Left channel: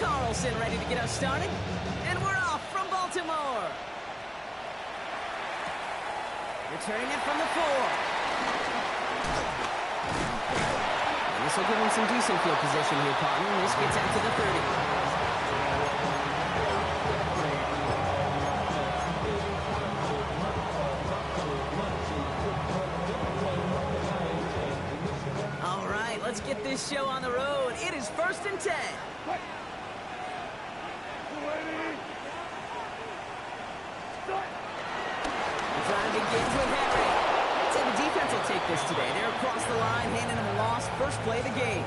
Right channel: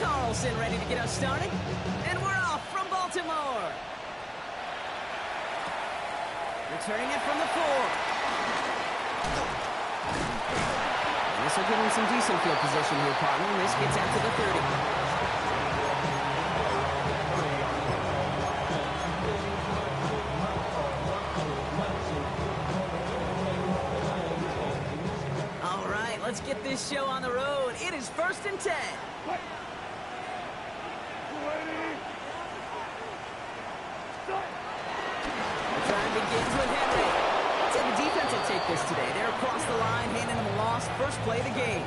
Carlson ready to get us started. And we're off from Baltimore. Returning it from the 4. And this will give him some decent field position here, partner. This gets out to the 30. All right, let's get this show on the road. It is 1st and 10. The drive begins with Henry. I'd say the defense will take this today. They're across the line, handing them a loss. First play of the game.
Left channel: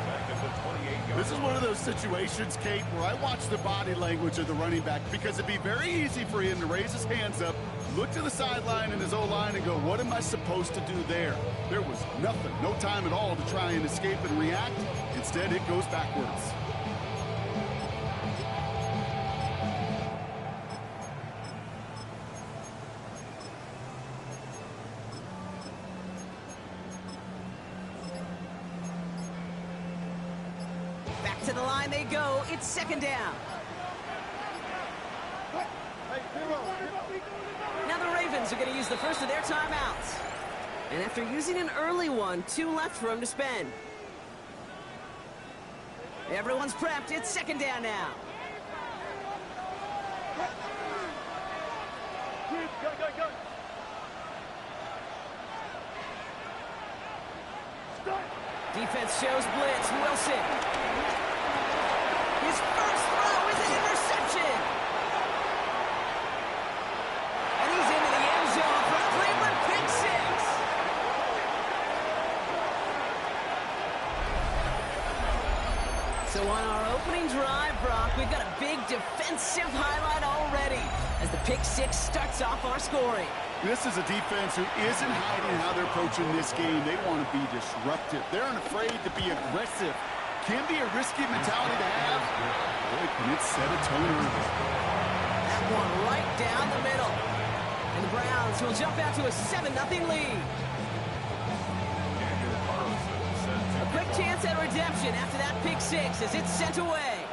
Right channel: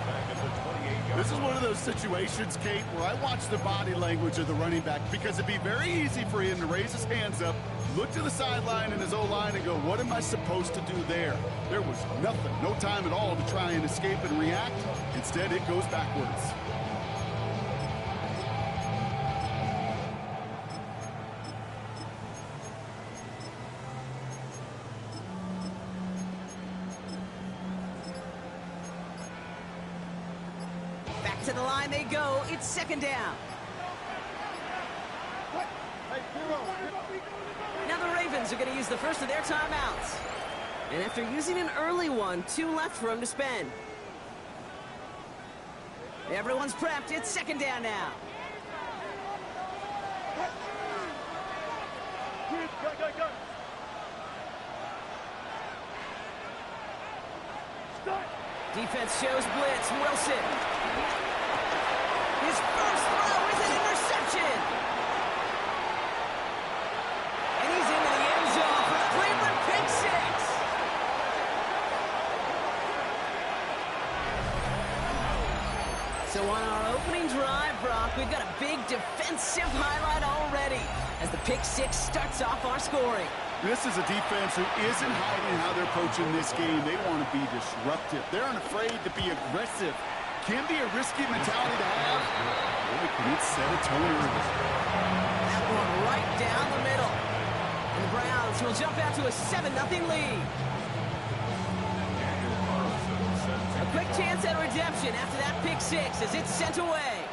This is one of those situations, Kate, where I watch the body language of the running back because it'd be very easy for him to raise his hands up, look to the sideline and his O-line and go, what am I supposed to do there? There was nothing, no time at all to try and escape and react. Instead, it goes backwards. Back to the line they go. It's 2nd down. Now the Ravens are going to use the first of their timeouts. And after using an early one, 2 left for him to spend. Everyone's prepped. It's 2nd down now. Defense shows blitz. Wilson. His first throw is an interception. And he's into the end zone for a Cleveland pick 6. So on our opening drive, Brock, we've got a big defensive highlight already as the pick 6 starts off our scoring. This is a defense who isn't hiding how they're approaching this game. They want to be disruptive. They're unafraid to be aggressive. Can be a risky mentality to have. Boy, can it set a tone early. That one right down the middle. And the Browns will jump out to a 7-0 lead. A quick chance at redemption after that pick 6 as it's sent away.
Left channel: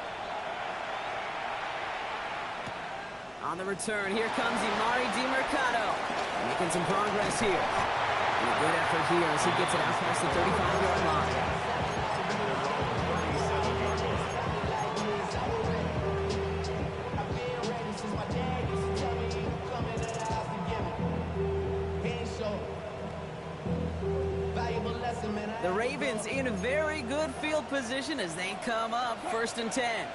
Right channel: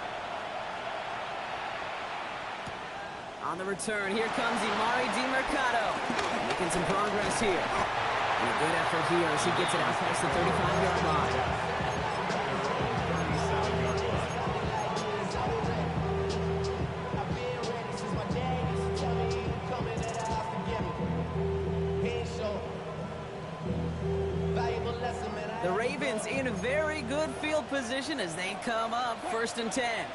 On the return, here comes Emari Demercado. Making some progress here. And a good effort here as he gets it out past the 35-yard line. The Ravens in a very good field position as they come up 1st and 10.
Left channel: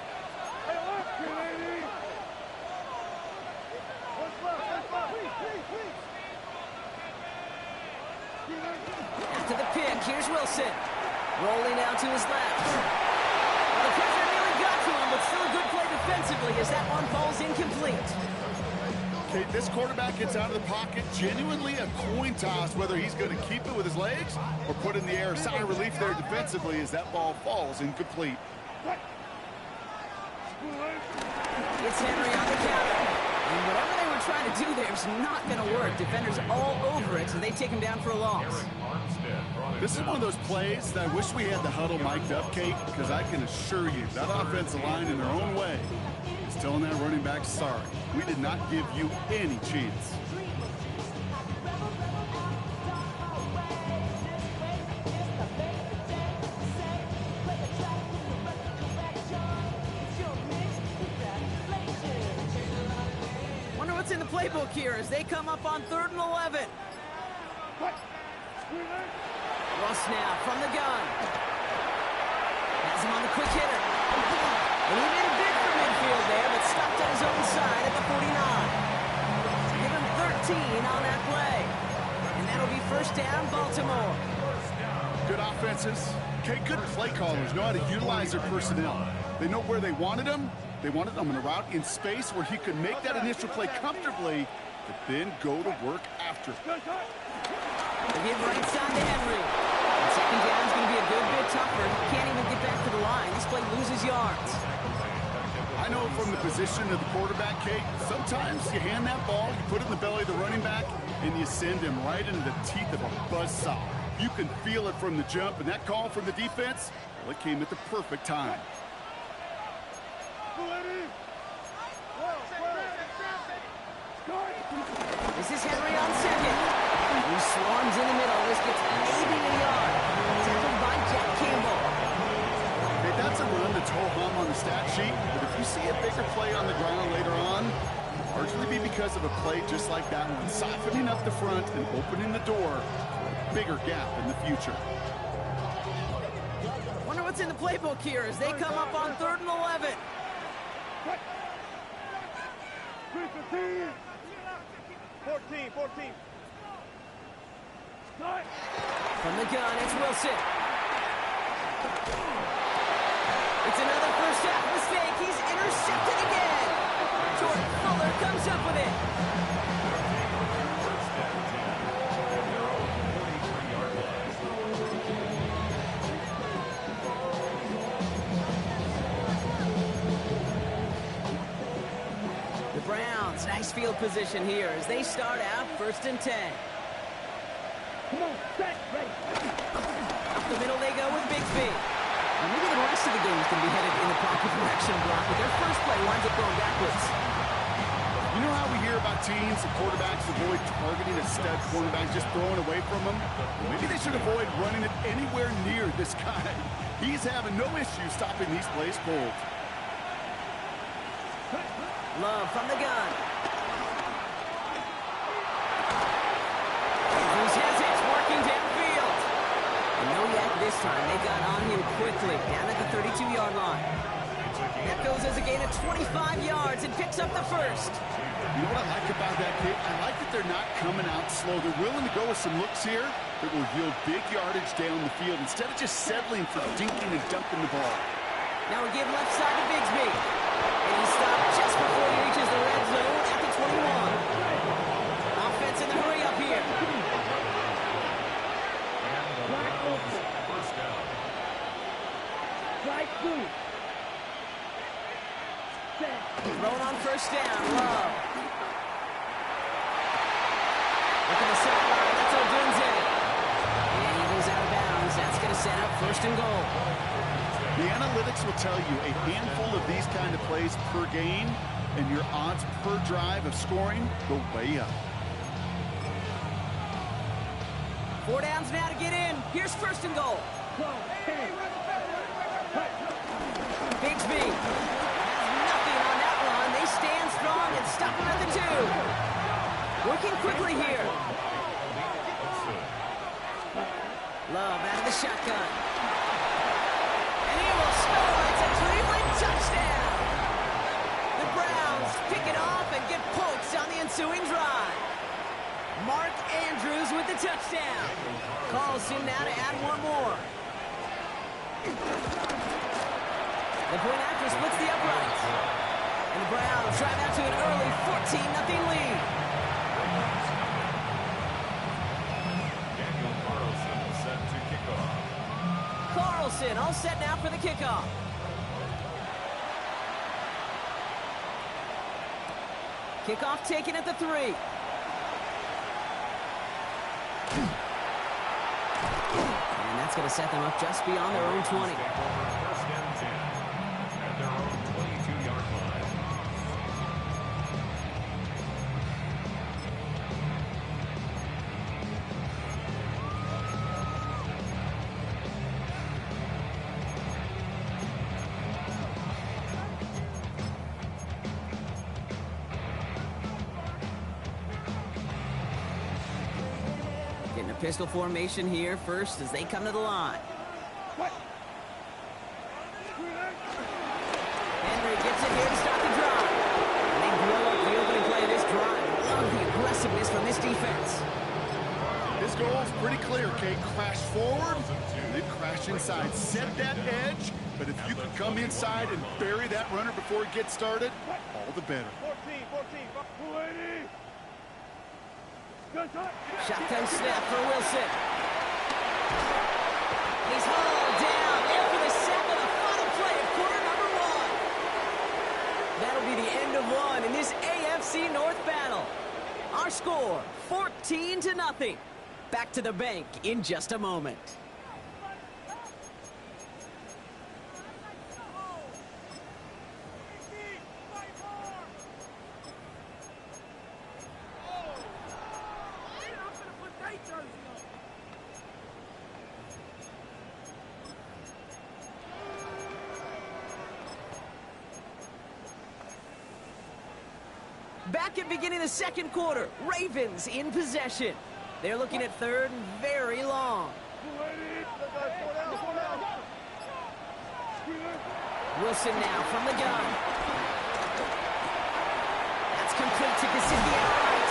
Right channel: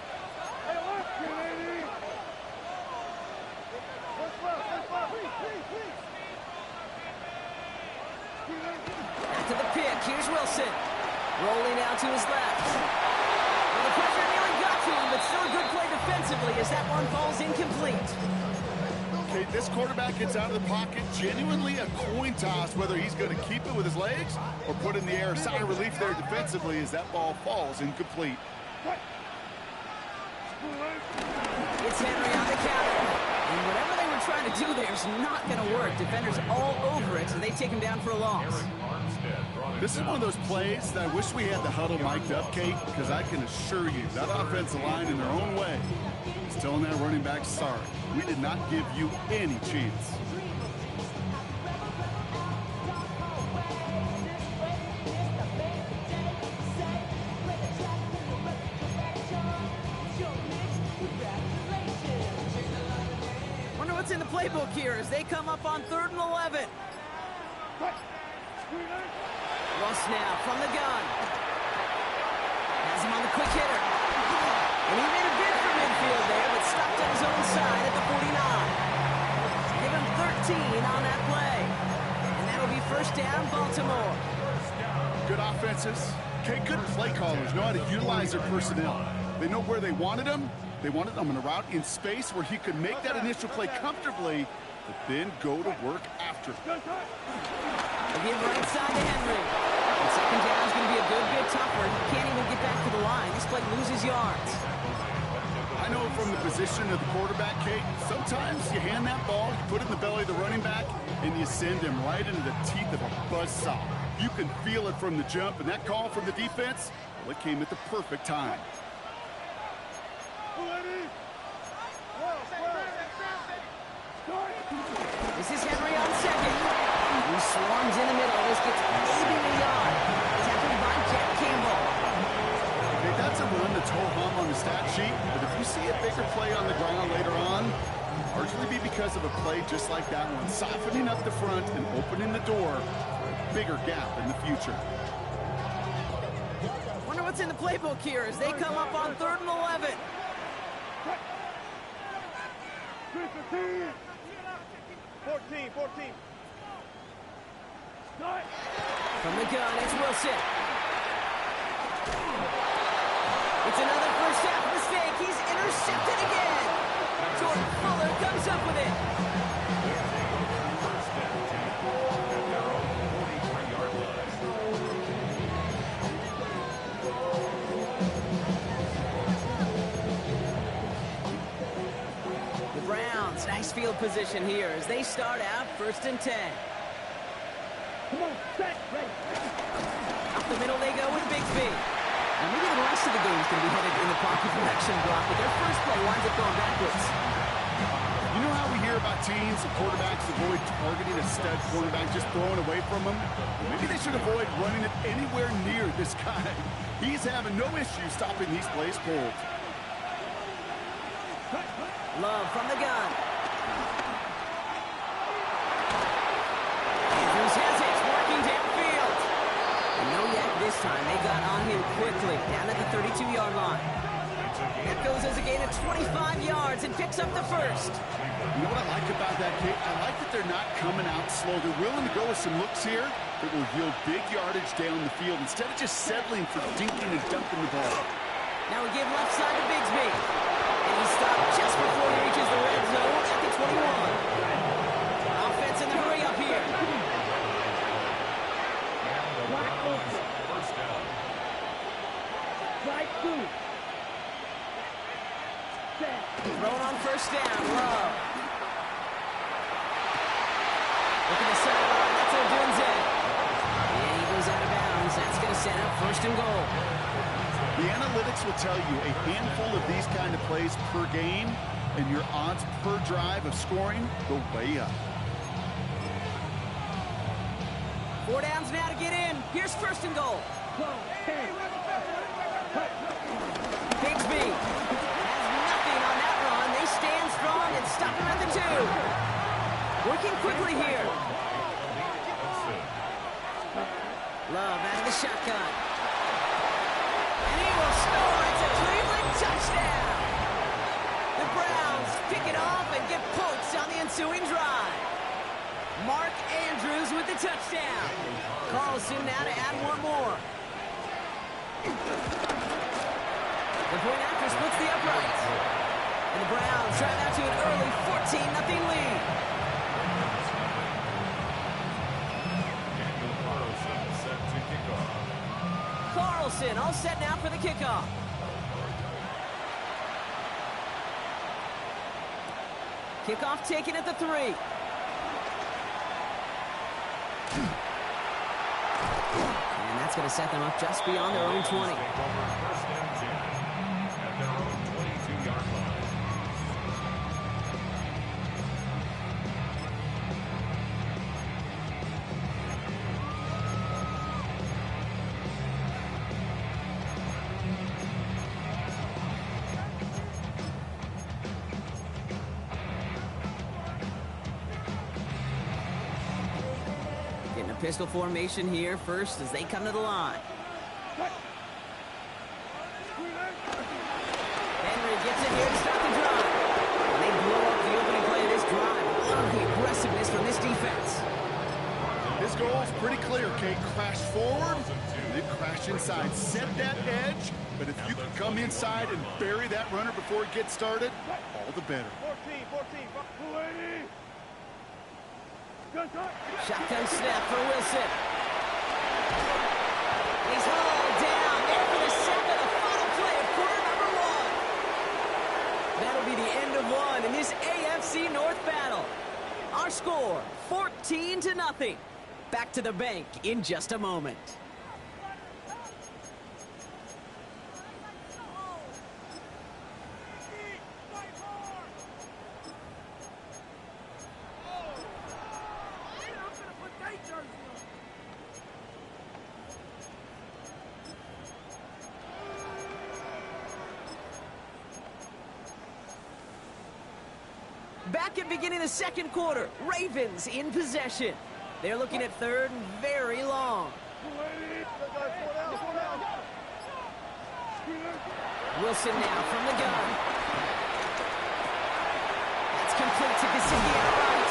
After the pick, here's Wilson. Rolling out to his left. Well, the pressure nearly got to him, but still a good play defensively as that one falls incomplete. Okay, this quarterback gets out of the pocket, genuinely a coin toss, whether he's going to keep it with his legs or put in the air. Sigh of relief there defensively as that ball falls incomplete. It's Henry on the counter. And whatever they were trying to do there is not going to work. Defenders all over it, so they take him down for a loss. This is one of those plays that I wish we had the huddle mic'd up, Kate, because I can assure you that offensive line in their own way is telling that running back, sorry, we did not give you any chance. Wonder what's in the playbook here as they come up on 3rd and 11. Russ now from the gun. Has him on the quick hitter. And he made a bid for midfield there, but stopped on his own side at the 49. Give him 13 on that play. And that'll be 1st down, Baltimore. Good offenses. Okay, good play callers know how to utilize their personnel. They know where they wanted them. They wanted them in a route in space where he could make that initial play comfortably, but then go to work after. They give right side to Henry. And 2nd down is going to be a good bit tougher. He can't even get back to the line. This play loses yards. I know from the position of the quarterback, Kate, sometimes you hand that ball, you put it in the belly of the running back, and you send him right into the teeth of a buzzsaw. You can feel it from the jump, and that call from the defense, well, it came at the perfect time. This is Henry on second. He swarms in the middle. This gets maybe a yard. Tackled by Jack Campbell. Okay, that's a run that's ho-hum on the stat sheet, but if you see a bigger play on the ground later on, largely be because of a play just like that one, softening up the front and opening the door for a bigger gap in the future. Wonder what's in the playbook here as they come up on 3rd and 11. 14. From the gun, it's Wilson. It's another first half mistake. He's intercepted again. Jordan Fuller comes up with it. First and 10 at their own 43-yard line. The Browns, nice field position here as they start out 1st and 10. Come on, set, ready. Up the middle they go with Bigsby. Now maybe the rest of the game is going to be headed in the proper direction, Brock, but their first play winds up going backwards. You know how we hear about teams and quarterbacks avoid targeting a stud quarterback, just throwing away from him? Well, maybe they should avoid running it anywhere near this guy. He's having no issue stopping these plays cold. Love from the gun. Andrews has it, working downfield. And no yak this time. They got on him quickly, down at the 32-yard line. That goes as a gain of 25 yards and picks up the first. You know what I like about that, Kate? I like that they're not coming out slow. They're willing to go with some looks here that will yield big yardage down the field instead of just settling for dinking and dunking the ball. Now we give left side to Bigsby. And he stopped just before he reaches the red zone at the 21. Offense in the hurry up here. First down. Right through. Thrown on first down. Love. Look at the sideline. That's Odunze. And he goes out of bounds. That's going to set up 1st and goal. The analytics will tell you a handful of these kind of plays per game, and your odds per drive of scoring go way up. 4 downs now to get in. Here's 1st and goal. Bigsby has nothing on that run. They stand strong and stop him at the 2. Working quickly here. Love out of the shotgun. And he will score. It's a Cleveland touchdown. The Browns pick it off and get points on the ensuing drive. Mark Andrews with the touchdown. Carlson now to add one more. The point after splits the uprights. And the Browns drive out to an early 14-0 lead. Daniel Carlson set to kick off. Carlson all set now for the kickoff. Kickoff taken at the 3. And that's going to set them up just beyond their own 20. Take over 1st and 10 at their own 22-yard line. Getting a pistol formation here first as they come to the line. Henry gets it here to start the drive. And they blow up the opening play of this drive. Love the aggressiveness from this defense. His goal is pretty clear, Kate. Crash forward, then crash inside. Set that edge, but if you can come inside and bury that runner before it gets started, all the better. 14. Shotgun snap for Wilson. He's hauled down there for the sack on the final play of quarter number 1. That'll be the end of 1 in this AFC North battle. Our score, 14-0. Back to the bank in just a moment. Back at beginning of the second quarter, Ravens in possession. They're looking at third and very long. Wilson now from the gun. That's complete to Gesicki outright.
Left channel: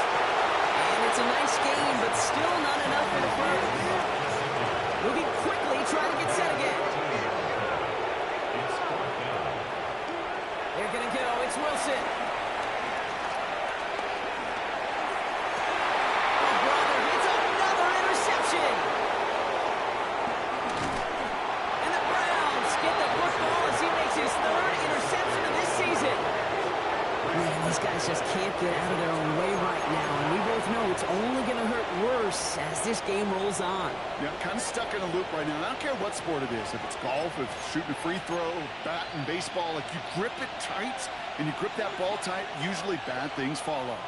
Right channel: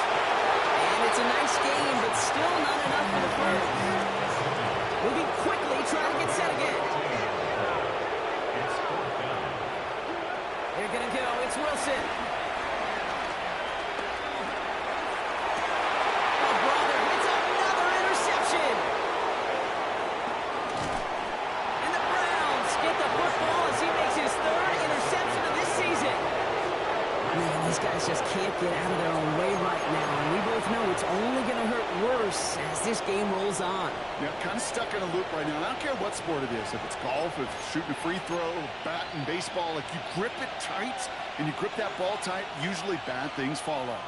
And it's a nice game, but still not enough for the first. Moving quickly, trying to get set again. It's fourth down. They're going to go. It's Wilson. Oh, brother, it's another interception. And the Browns get the football as he makes his third interception of this season. Man, these guys just can't get out of their own way right now, and we both know it's only going to hurt worse as this game rolls on. Yeah, kind of stuck in a loop right now. I don't care what sport it is. If it's golf, if it's shooting a free throw, bat and baseball, like you grip it tight and you grip that ball tight, usually bad things follow.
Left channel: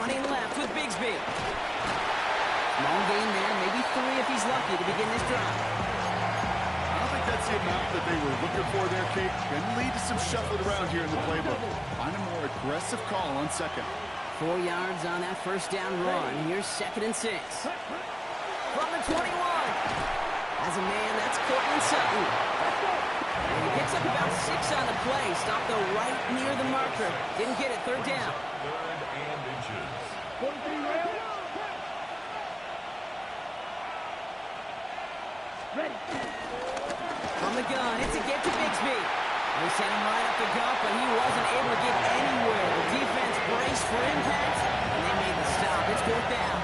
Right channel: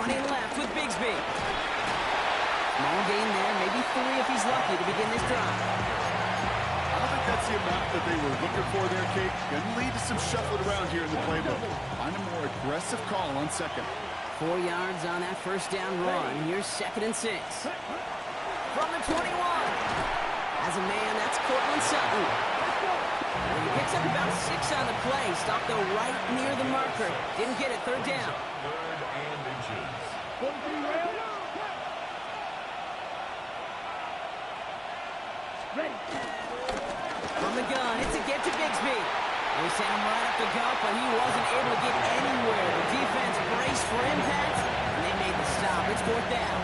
Running left with Bigsby. Small gain there, maybe 3 if he's lucky to begin this drive. I don't think that's the amount that they were looking for there, Kate. Going to lead to some shuffling around here in the playbook. Find a more aggressive call on second. 4 yards on that first down run. Here's 2nd and 6. From the 21. As a man, that's Cortland Sutton. And he picks up about 6 on the play. Stopped though right near the marker. Didn't get it. 3rd down. Third and inches. Ready. From the gun, it's a get to Bigsby. They sent him right up the gut, but he wasn't able to get anywhere. The defense braced for impact, and they made the stop. It's 4th down.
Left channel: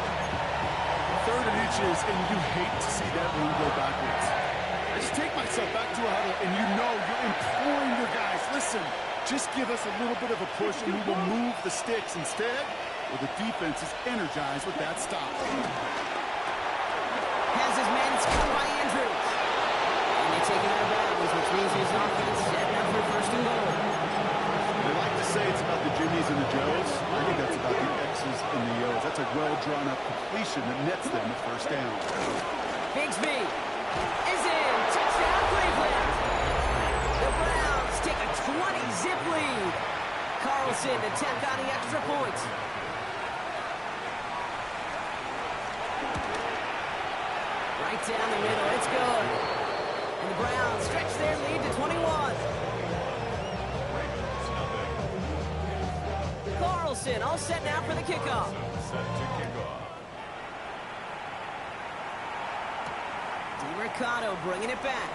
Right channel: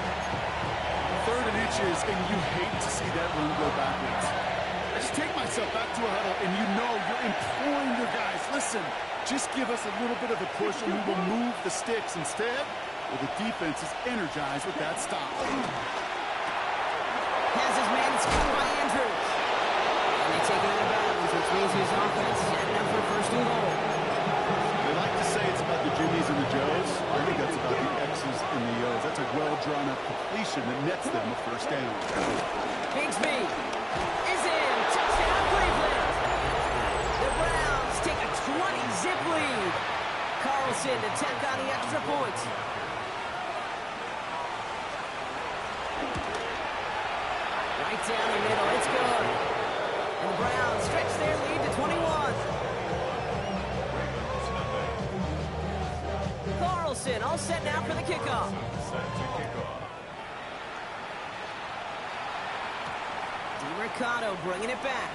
3rd and inches, and you hate to see that run go backwards. I just take myself back to a huddle, and you know you're imploring your guys, listen, just give us a little bit of a push, and we will move the sticks. Instead, well, the defense is energized with that stop. Has his man, it's cut by Andrews. And they take him out of bounds, which means his offense setting up for 1st and goal. They like to say it's about the Jimmies and the Joes. I think that's about the X's and the O's. That's a well-drawn-up completion that nets them a 1st down. Bigsby is in. Touchdown, Cleveland. The Browns take a 20-zip lead. Carlson to tack on the extra point. Right down the middle. It's good. And the Browns stretch their lead to 21. Ravens, nothing. Carlson all set now for the kickoff. Set to kickoff. DiMercato bringing it back.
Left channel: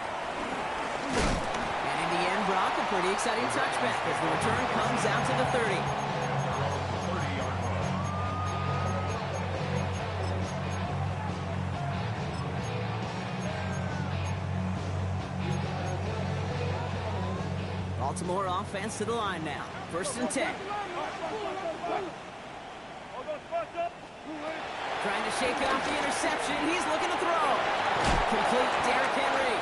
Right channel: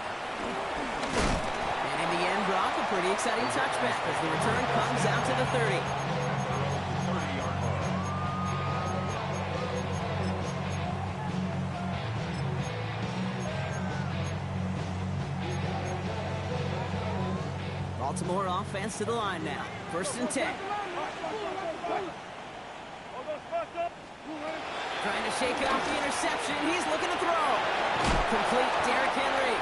And in the end, Brock, a pretty exciting touchback as the return comes out to the 30. At their own 30-yard line. Baltimore offense to the line now. 1st and 10. Trying to shake off the interception. He's looking to throw. Complete Derrick Henry.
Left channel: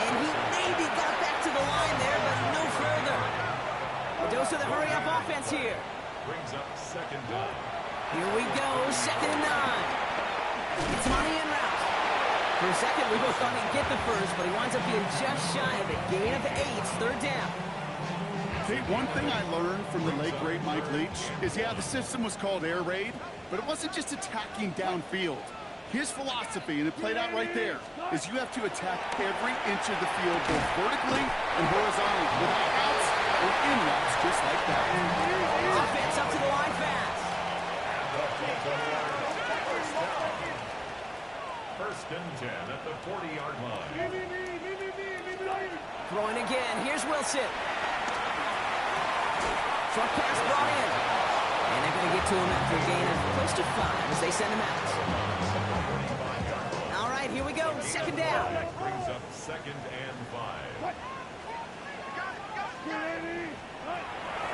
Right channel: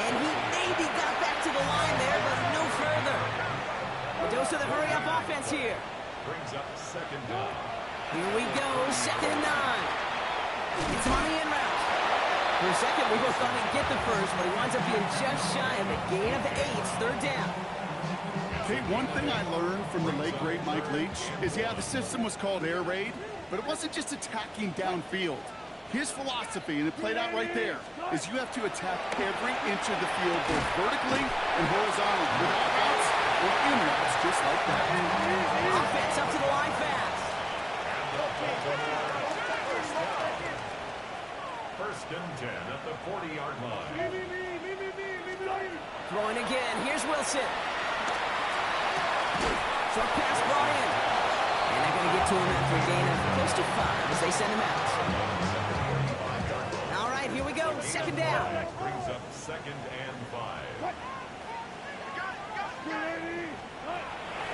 And he maybe got back to the line there, but no further. A dose of the hurry-up offense here. Brings up 2nd down. Here we go, 2nd and 9. It's him on the in route. For a second, we both thought he'd get the first, but he winds up being just shy of a gain of 8. 3rd down. Kate, one thing I learned from the late, great Mike Leach is, yeah, the system was called air raid, but it wasn't just attacking downfield. His philosophy, and it played out right there, is you have to attack every inch of the field, both vertically and horizontally, without routes or in routes, just like that. Offense up to the line fast. And the Baltimore first down. 1st and 10 at the 40-yard line. Throwing again. Here's Wilson. Short pass brought in. And they're going to get to him after a gain of close to 5 as they send him out. All right, here we go. 2nd down. Brings up 2nd and 5.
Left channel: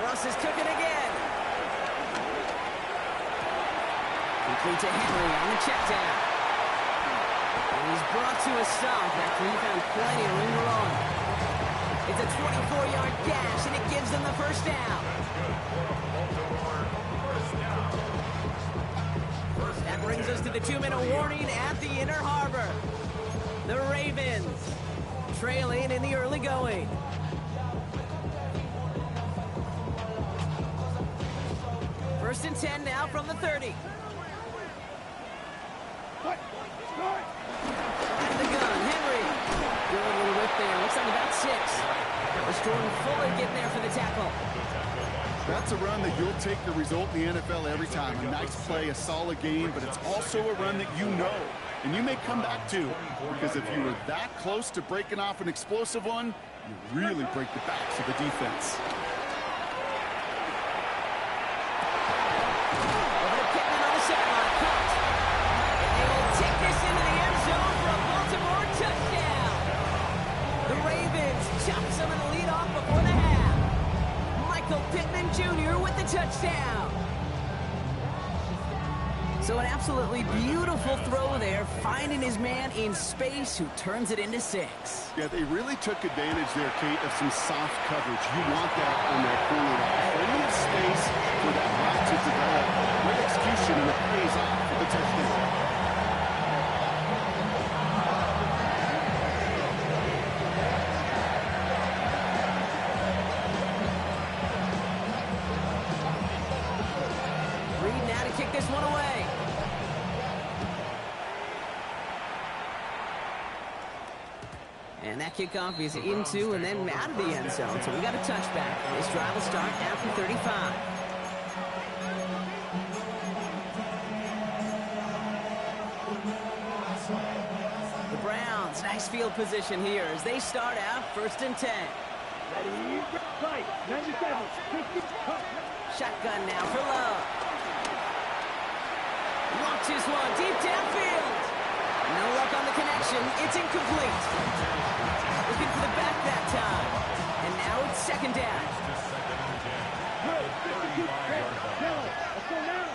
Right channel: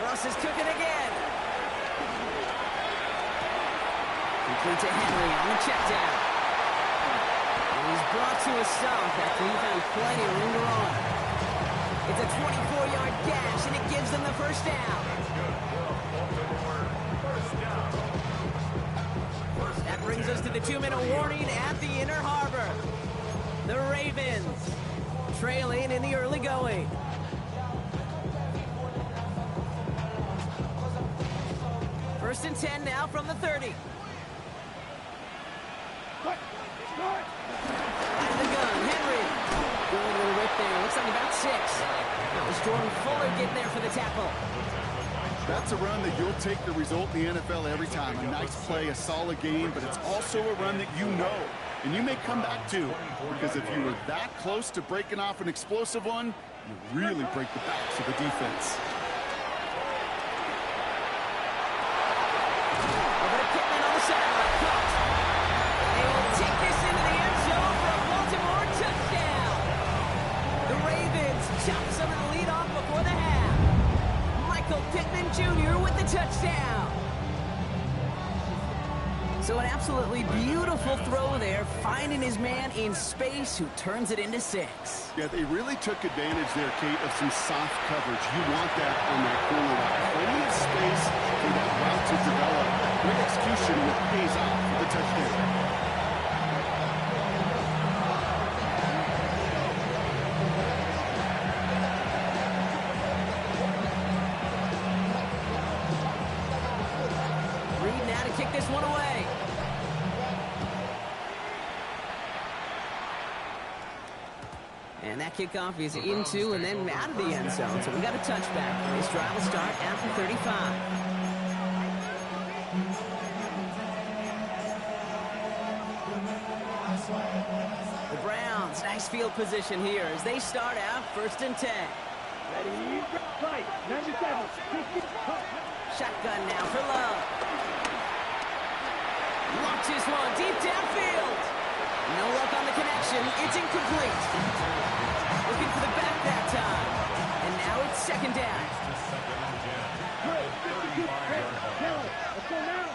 Russ is cooking again. Complete to Henry on the check down. And he's brought to a stop after he found plenty of room to run. It's a 24-yard gash, and it gives them the 1st down. That's good for a Baltimore first down. That brings us to the 2-minute warning at the Inner Harbor. The Ravens trailing in the early going. First and 10 now from the 30. What? Start. Out of the gun, Henry. Good little whip there. Looks like about 6. It was Jordan Fuller getting there for the tackle. That's a run that you'll take the result in the NFL every time. A nice play, a solid game, but it's also a run that you know and you may come back to, because if you were that close to breaking off an explosive one, you really break the backs of the defense. Over to Pittman on the sideline, caught. And they will take this into the end zone for a Baltimore touchdown. The Ravens chop some of the lead off before the half. Michael Pittman Jr. with the touchdown. So an absolutely beautiful throw there, finding his man in space who turns it into 6. Yeah, they really took advantage there, Kate, of some soft coverage. You want that on that corner route. Plenty of space for that route to develop. Great execution, and it pays off for the touchdown. Reed now to kick this one away. And that kickoff is into and then out of the end zone. So we got a touchback. This drive will start after 35. The Browns, nice field position here as they start out first and 10. Ready, fight. 97. 60. Shotgun now for Love. Launches one deep downfield. No luck on the connection. It's incomplete. Looking for the back that time. And now it's second down. Good. 52. Red. Yellow. Let's go now.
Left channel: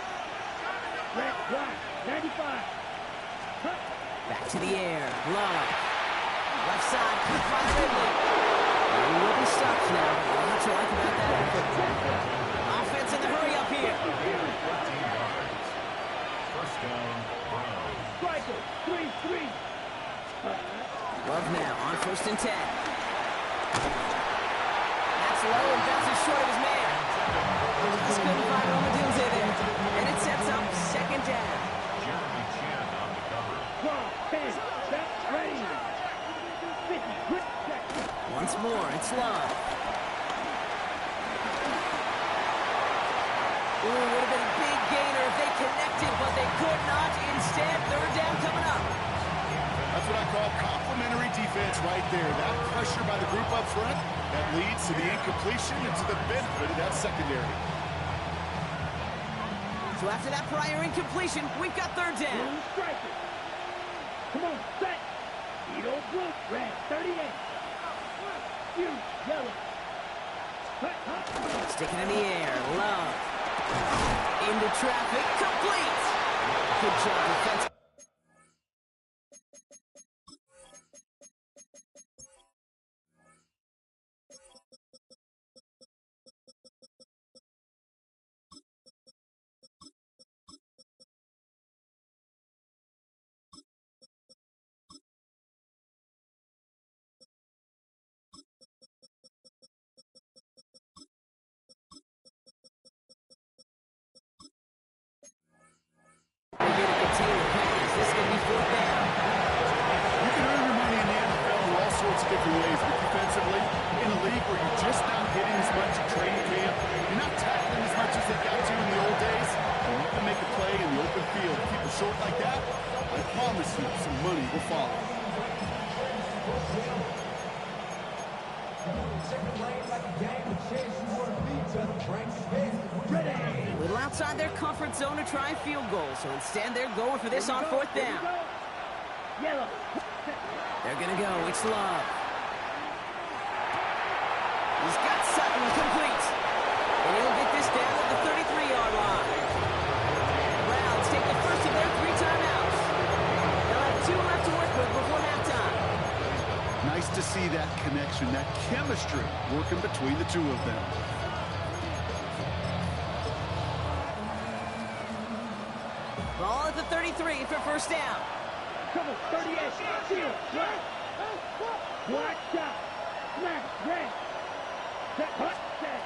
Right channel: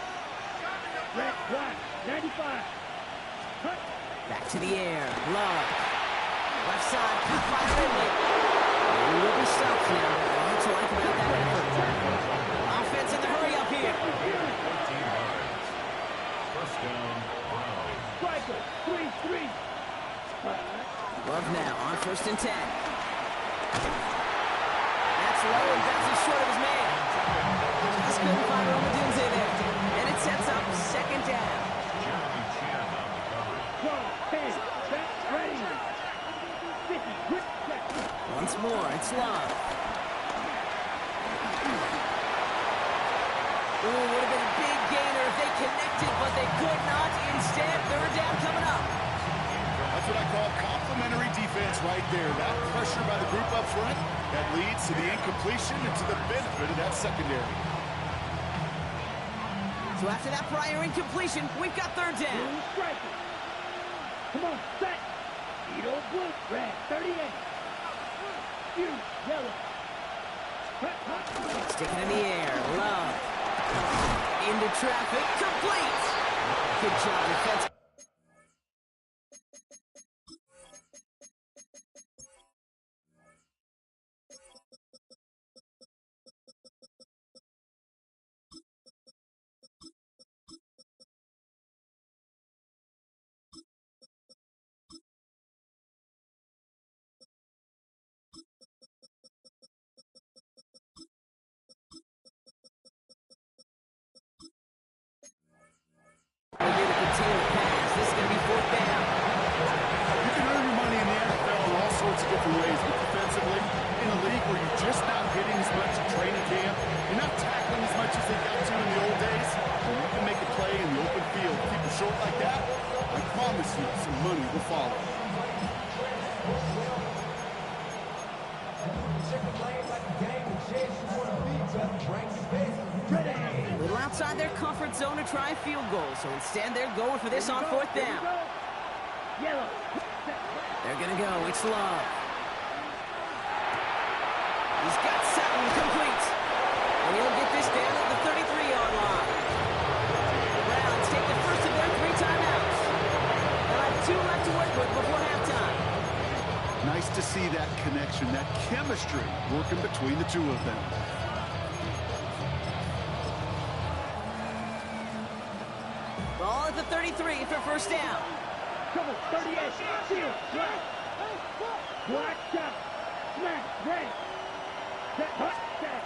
Red. Black. 95. Cut. Back to the air. Love. Left side. Cut by Ridley. And he will be stopped now. What to like about that effort? Offense in the hurry up here. 14 yards. First down, Brown. Striker. 3-3. Love now on first and 10. That's low and bounces short of his man. Just couldn't find Romadunze there. And it sets up second down. Jeremy Chin on the cover. 12, 10. Set. Ready. 50. Grip. Check. Once more, it's Love. Ooh, would have been a big gainer if they connected, but they could not. Instead, third down coming up. That's what I call complementary defense right there. That pressure by the group up front, that leads to the incompletion and to the benefit of that secondary. So after that prior incompletion, we've got third down. Blue striker. Come on, set. Edo blue. Red. 38. You. Yellow. Sticking in the air, Love. Into traffic, complete. Good job, defense. They're here to contain the pass. This is going to be fourth down. You can earn your money in the NFL in all sorts of different ways, but defensively, in a league where you're just not hitting as much in training camp, you're not tackling as much as they got to in the old days, and you can make a play in the open field. Keep it short like that, I promise you some money will follow. A little outside their comfort zone to try a field goal, so instead they're going for this on fourth down. Yellow. They're going to go. It's Love. He's got Sutton complete. And he'll get this down at the 33-yard line. The Browns take the first of their 3 timeouts. They'll have 2 left to work with before halftime. Nice to see that connection, that chemistry working between the two of them. Ball at the 33 for first down. Come on, 38. Seal. Black. Black shot. Smash. Red. Set. Hot. Set.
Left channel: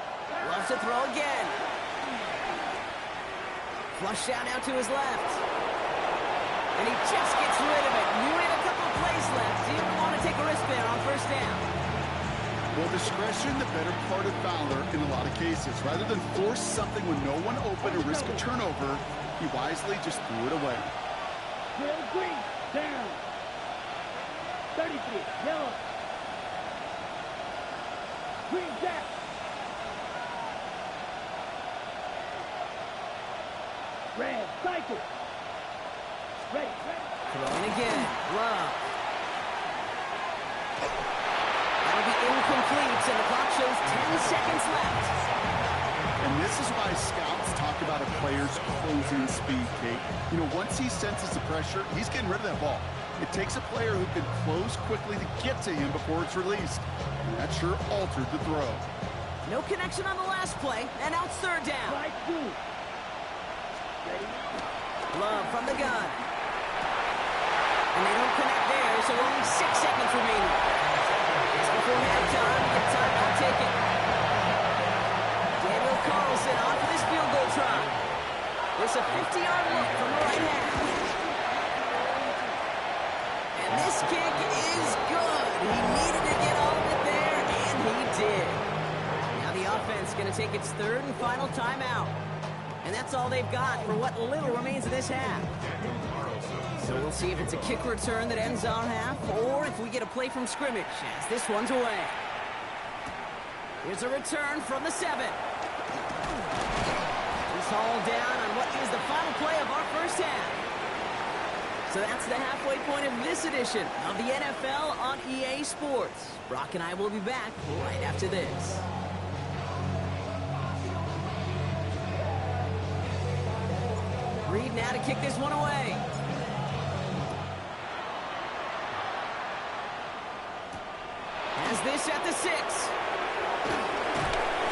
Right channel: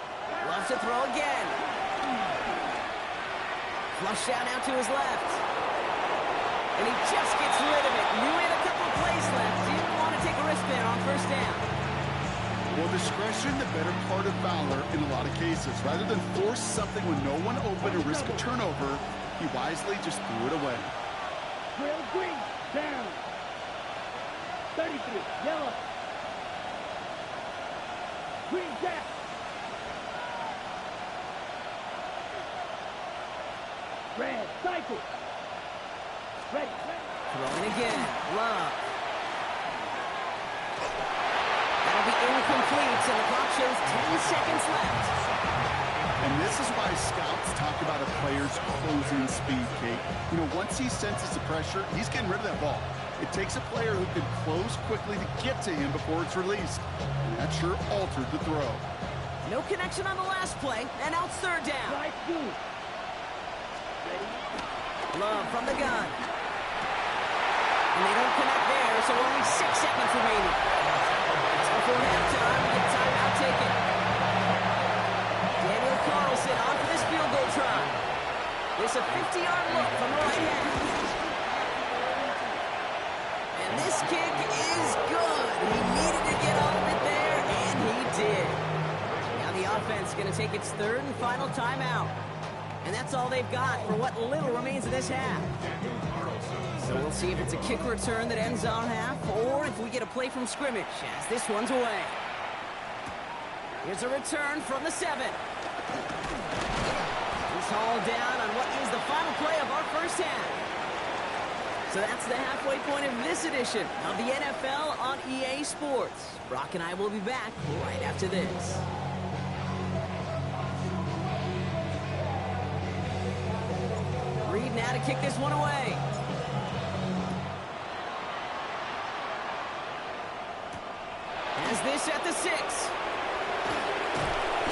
Loves to throw again. Flush down now to his left. And he just gets rid of it. Knew he had a couple of plays left. Didn't want to take a risk there on first down. Well, discretion, the better part of valor in a lot of cases. Rather than force something when no one open and risk a turnover, he wisely just threw it away. Drill green, down. 33, yellow. Green jack. Red, cycle. Ready. Throwing again. Love. That'll be incomplete, and the clock shows 10 seconds left. And this is why scouts talk about a player's closing speed, Kate. You know, once he senses the pressure, he's getting rid of that ball. It takes a player who can close quickly to get to him before it's released. And that sure altered the throw. No connection on the last play, and now it's third down. Right, two. Ready. Love from the gun. And they don't connect there, so only 6 seconds remaining. Just before halftime, we get timeout taken. Daniel Carlson on for this field goal try. This a 50-yard look from the right half. And this kick is good. He needed to get all of it there, and he did. Now the offense going to take its third and final timeout. And that's all they've got for what little remains of this half. So we'll see if it's a kick return that ends our half, or if we get a play from scrimmage, as this one's away. Here's a return from the 7. He's hauled down on what is the final play of our first half. So that's the halfway point of this edition of the NFL on EA Sports. Brock and I will be back right after this. Reed now to kick this one away. Has this at the 6.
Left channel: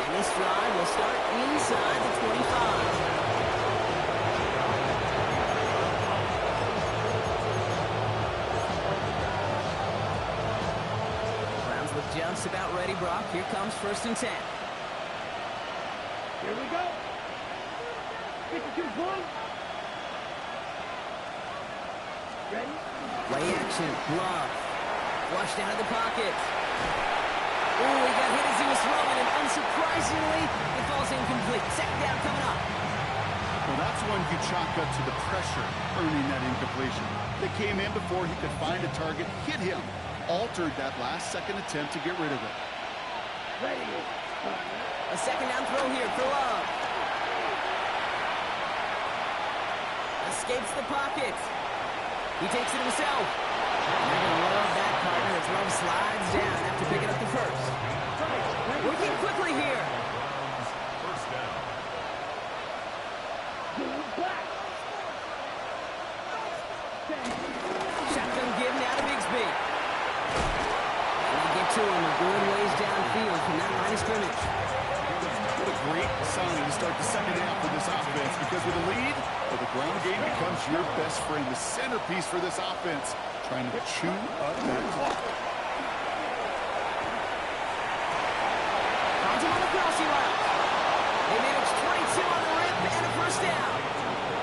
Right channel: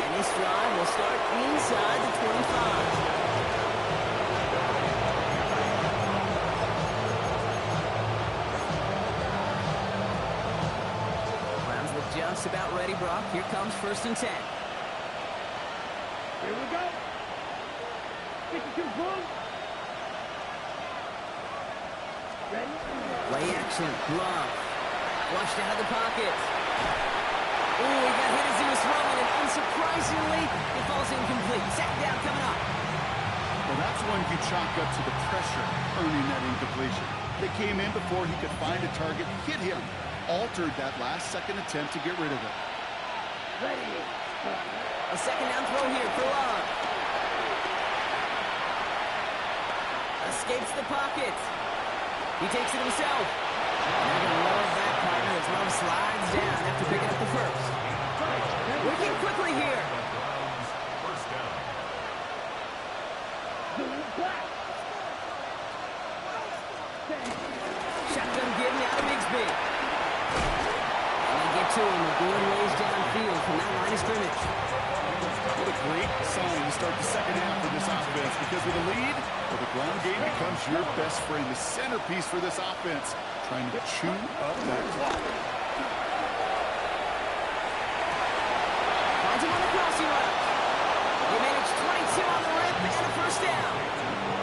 And this drive will start inside the 25. Browns look just about ready, Brock. Here comes 1st and 10. Here we go. 52 boom. Ready? Play action. Love. Flushed out of the pocket. Ooh, he got hit as he was throwing, and unsurprisingly, it falls incomplete. Second down coming up. Well, that's one you chalk up to the pressure earning that incompletion. They came in before he could find a target, hit him, altered that last-second attempt to get rid of it. Ready. A second down throw here for Love. Escapes the pocket. He takes it himself. They're going to love that partner as Love slides down after picking up the first. Working quickly here. First down. Black. Shotgun give now to Bigsby. And they get to him a good ways downfield from that line of scrimmage. What a great sign to start the second half for this offense, because with a lead, well, the ground game becomes your best friend, the centerpiece for this offense, trying to chew up that clock. Finds him on the crossing route. They manage 22 on the rip and a first down.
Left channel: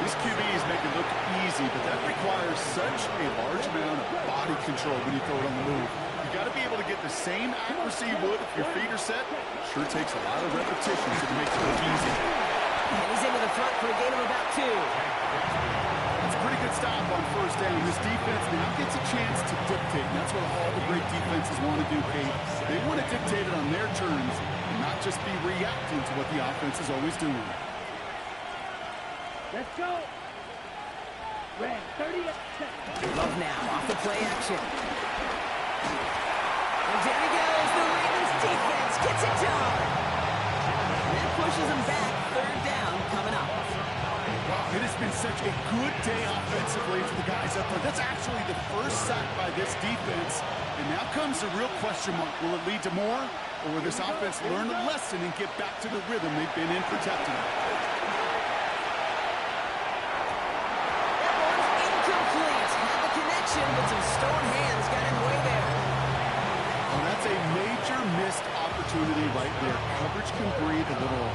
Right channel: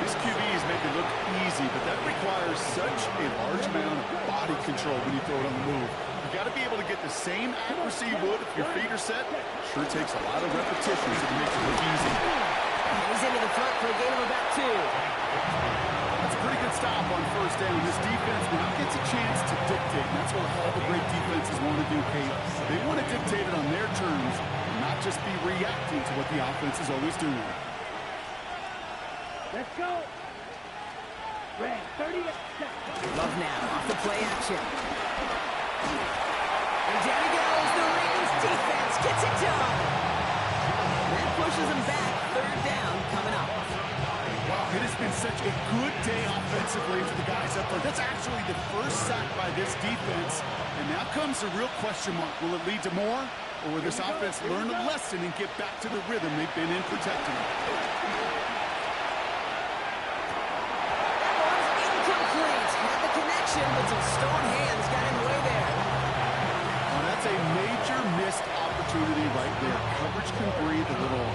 These QBs make it look easy, but that requires such a large amount of body control when you throw it on the move. You got to be able to get the same accuracy you would if your feet are set. Sure takes a lot of repetitions if it makes it look easy. And he's into the front for a gain of about 2. That's a pretty good stop on first down. This defense now gets a chance to dictate, and that's what all the great defenses want to do, Kate. They want to dictate it on their terms and not just be reacting to what the offense is always doing. Let's go. Red, 38. Love now off the play action. And down he goes. The Ravens defense gets it done. And that pushes them back. Third down coming up. Wow, it has been such a good day offensively for the guys up there. That's actually the first sack by this defense. And now comes the real question mark. Will it lead to more? Or will this offense learn a lesson and get back to the rhythm they've been in protecting? That one's incomplete. Had the connection, but some stone hands got in the way there. Oh, that's a major missed opportunity right there. Coverage can breathe a little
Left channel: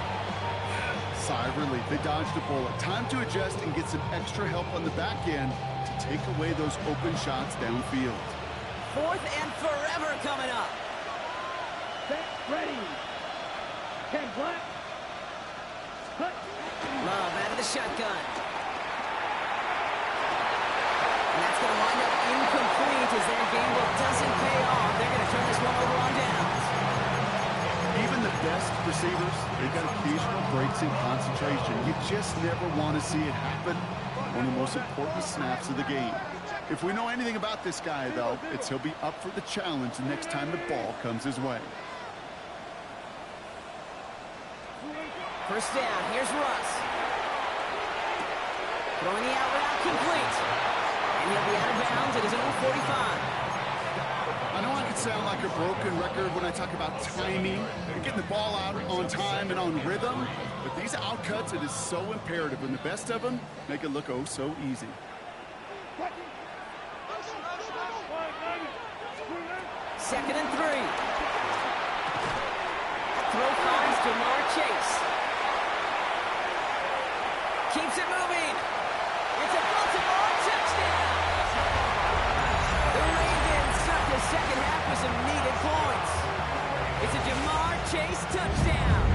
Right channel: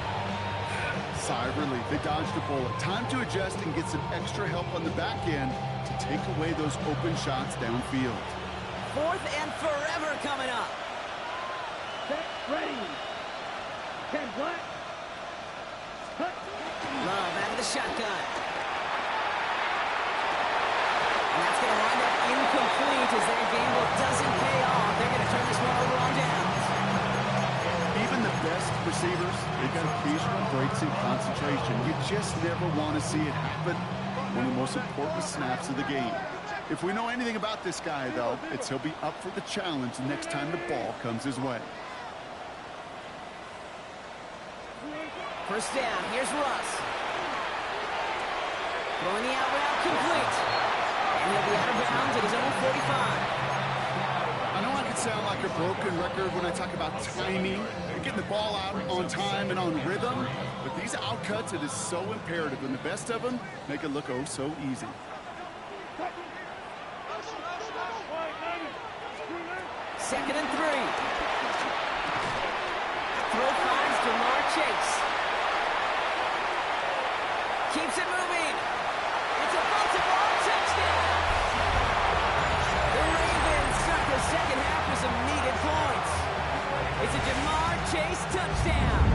sigh of relief. They dodged a bullet. Time to adjust and get some extra help on the back end to take away those open shots downfield. 4th and forever coming up. Set, ready. 10 black. Hut. Love out of the shotgun. And that's going to wind up incomplete as their gamble doesn't pay off. They're going to turn this one over on downs. Even the best receivers, they've got occasional breaks in concentration. You just never want to see it happen. One of the most important snaps of the game. If we know anything about this guy, though, it's he'll be up for the challenge the next time the ball comes his way. First down, here's Russ. Throwing the out route complete. And he'll be out of bounds at his own 45. I know I could sound like a broken record when I talk about timing and getting the ball out on time and on rhythm, but these outcuts, it is so imperative, and the best of them make it look oh so easy. 2nd and 3. That throw finds Jamar Chase. Keeps it moving. It's a Baltimore touchdown. The Ravens start the second half with some needed points. It's a Jamar Chase touchdown.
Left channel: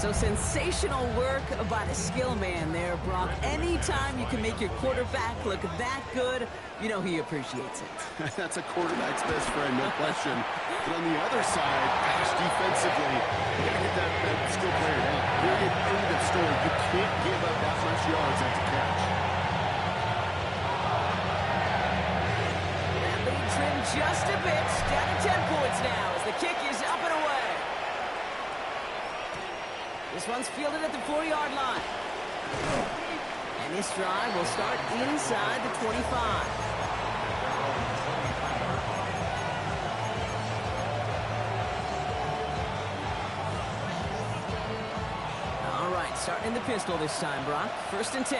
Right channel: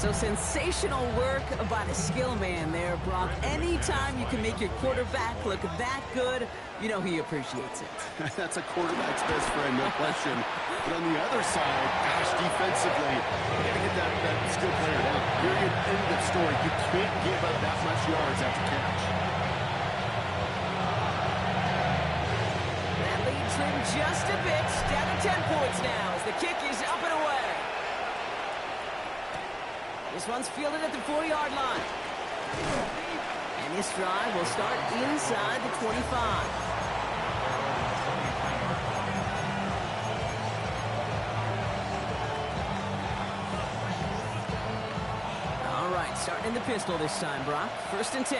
So sensational work by the skill man there, Brock. Anytime you can make your quarterback look that good, you know he appreciates it. That's a quarterback's best friend, no question. But on the other side, gosh, defensively, you got to get that skill player down. Period, end of story. You can't give up that much yards after catch. That lead trimmed just a bit, down to 10 points now as the kick is up and away. This one's fielded at the 4-yard line. And this drive will start inside the 25. All right, starting in the pistol this time, Brock. 1st and 10.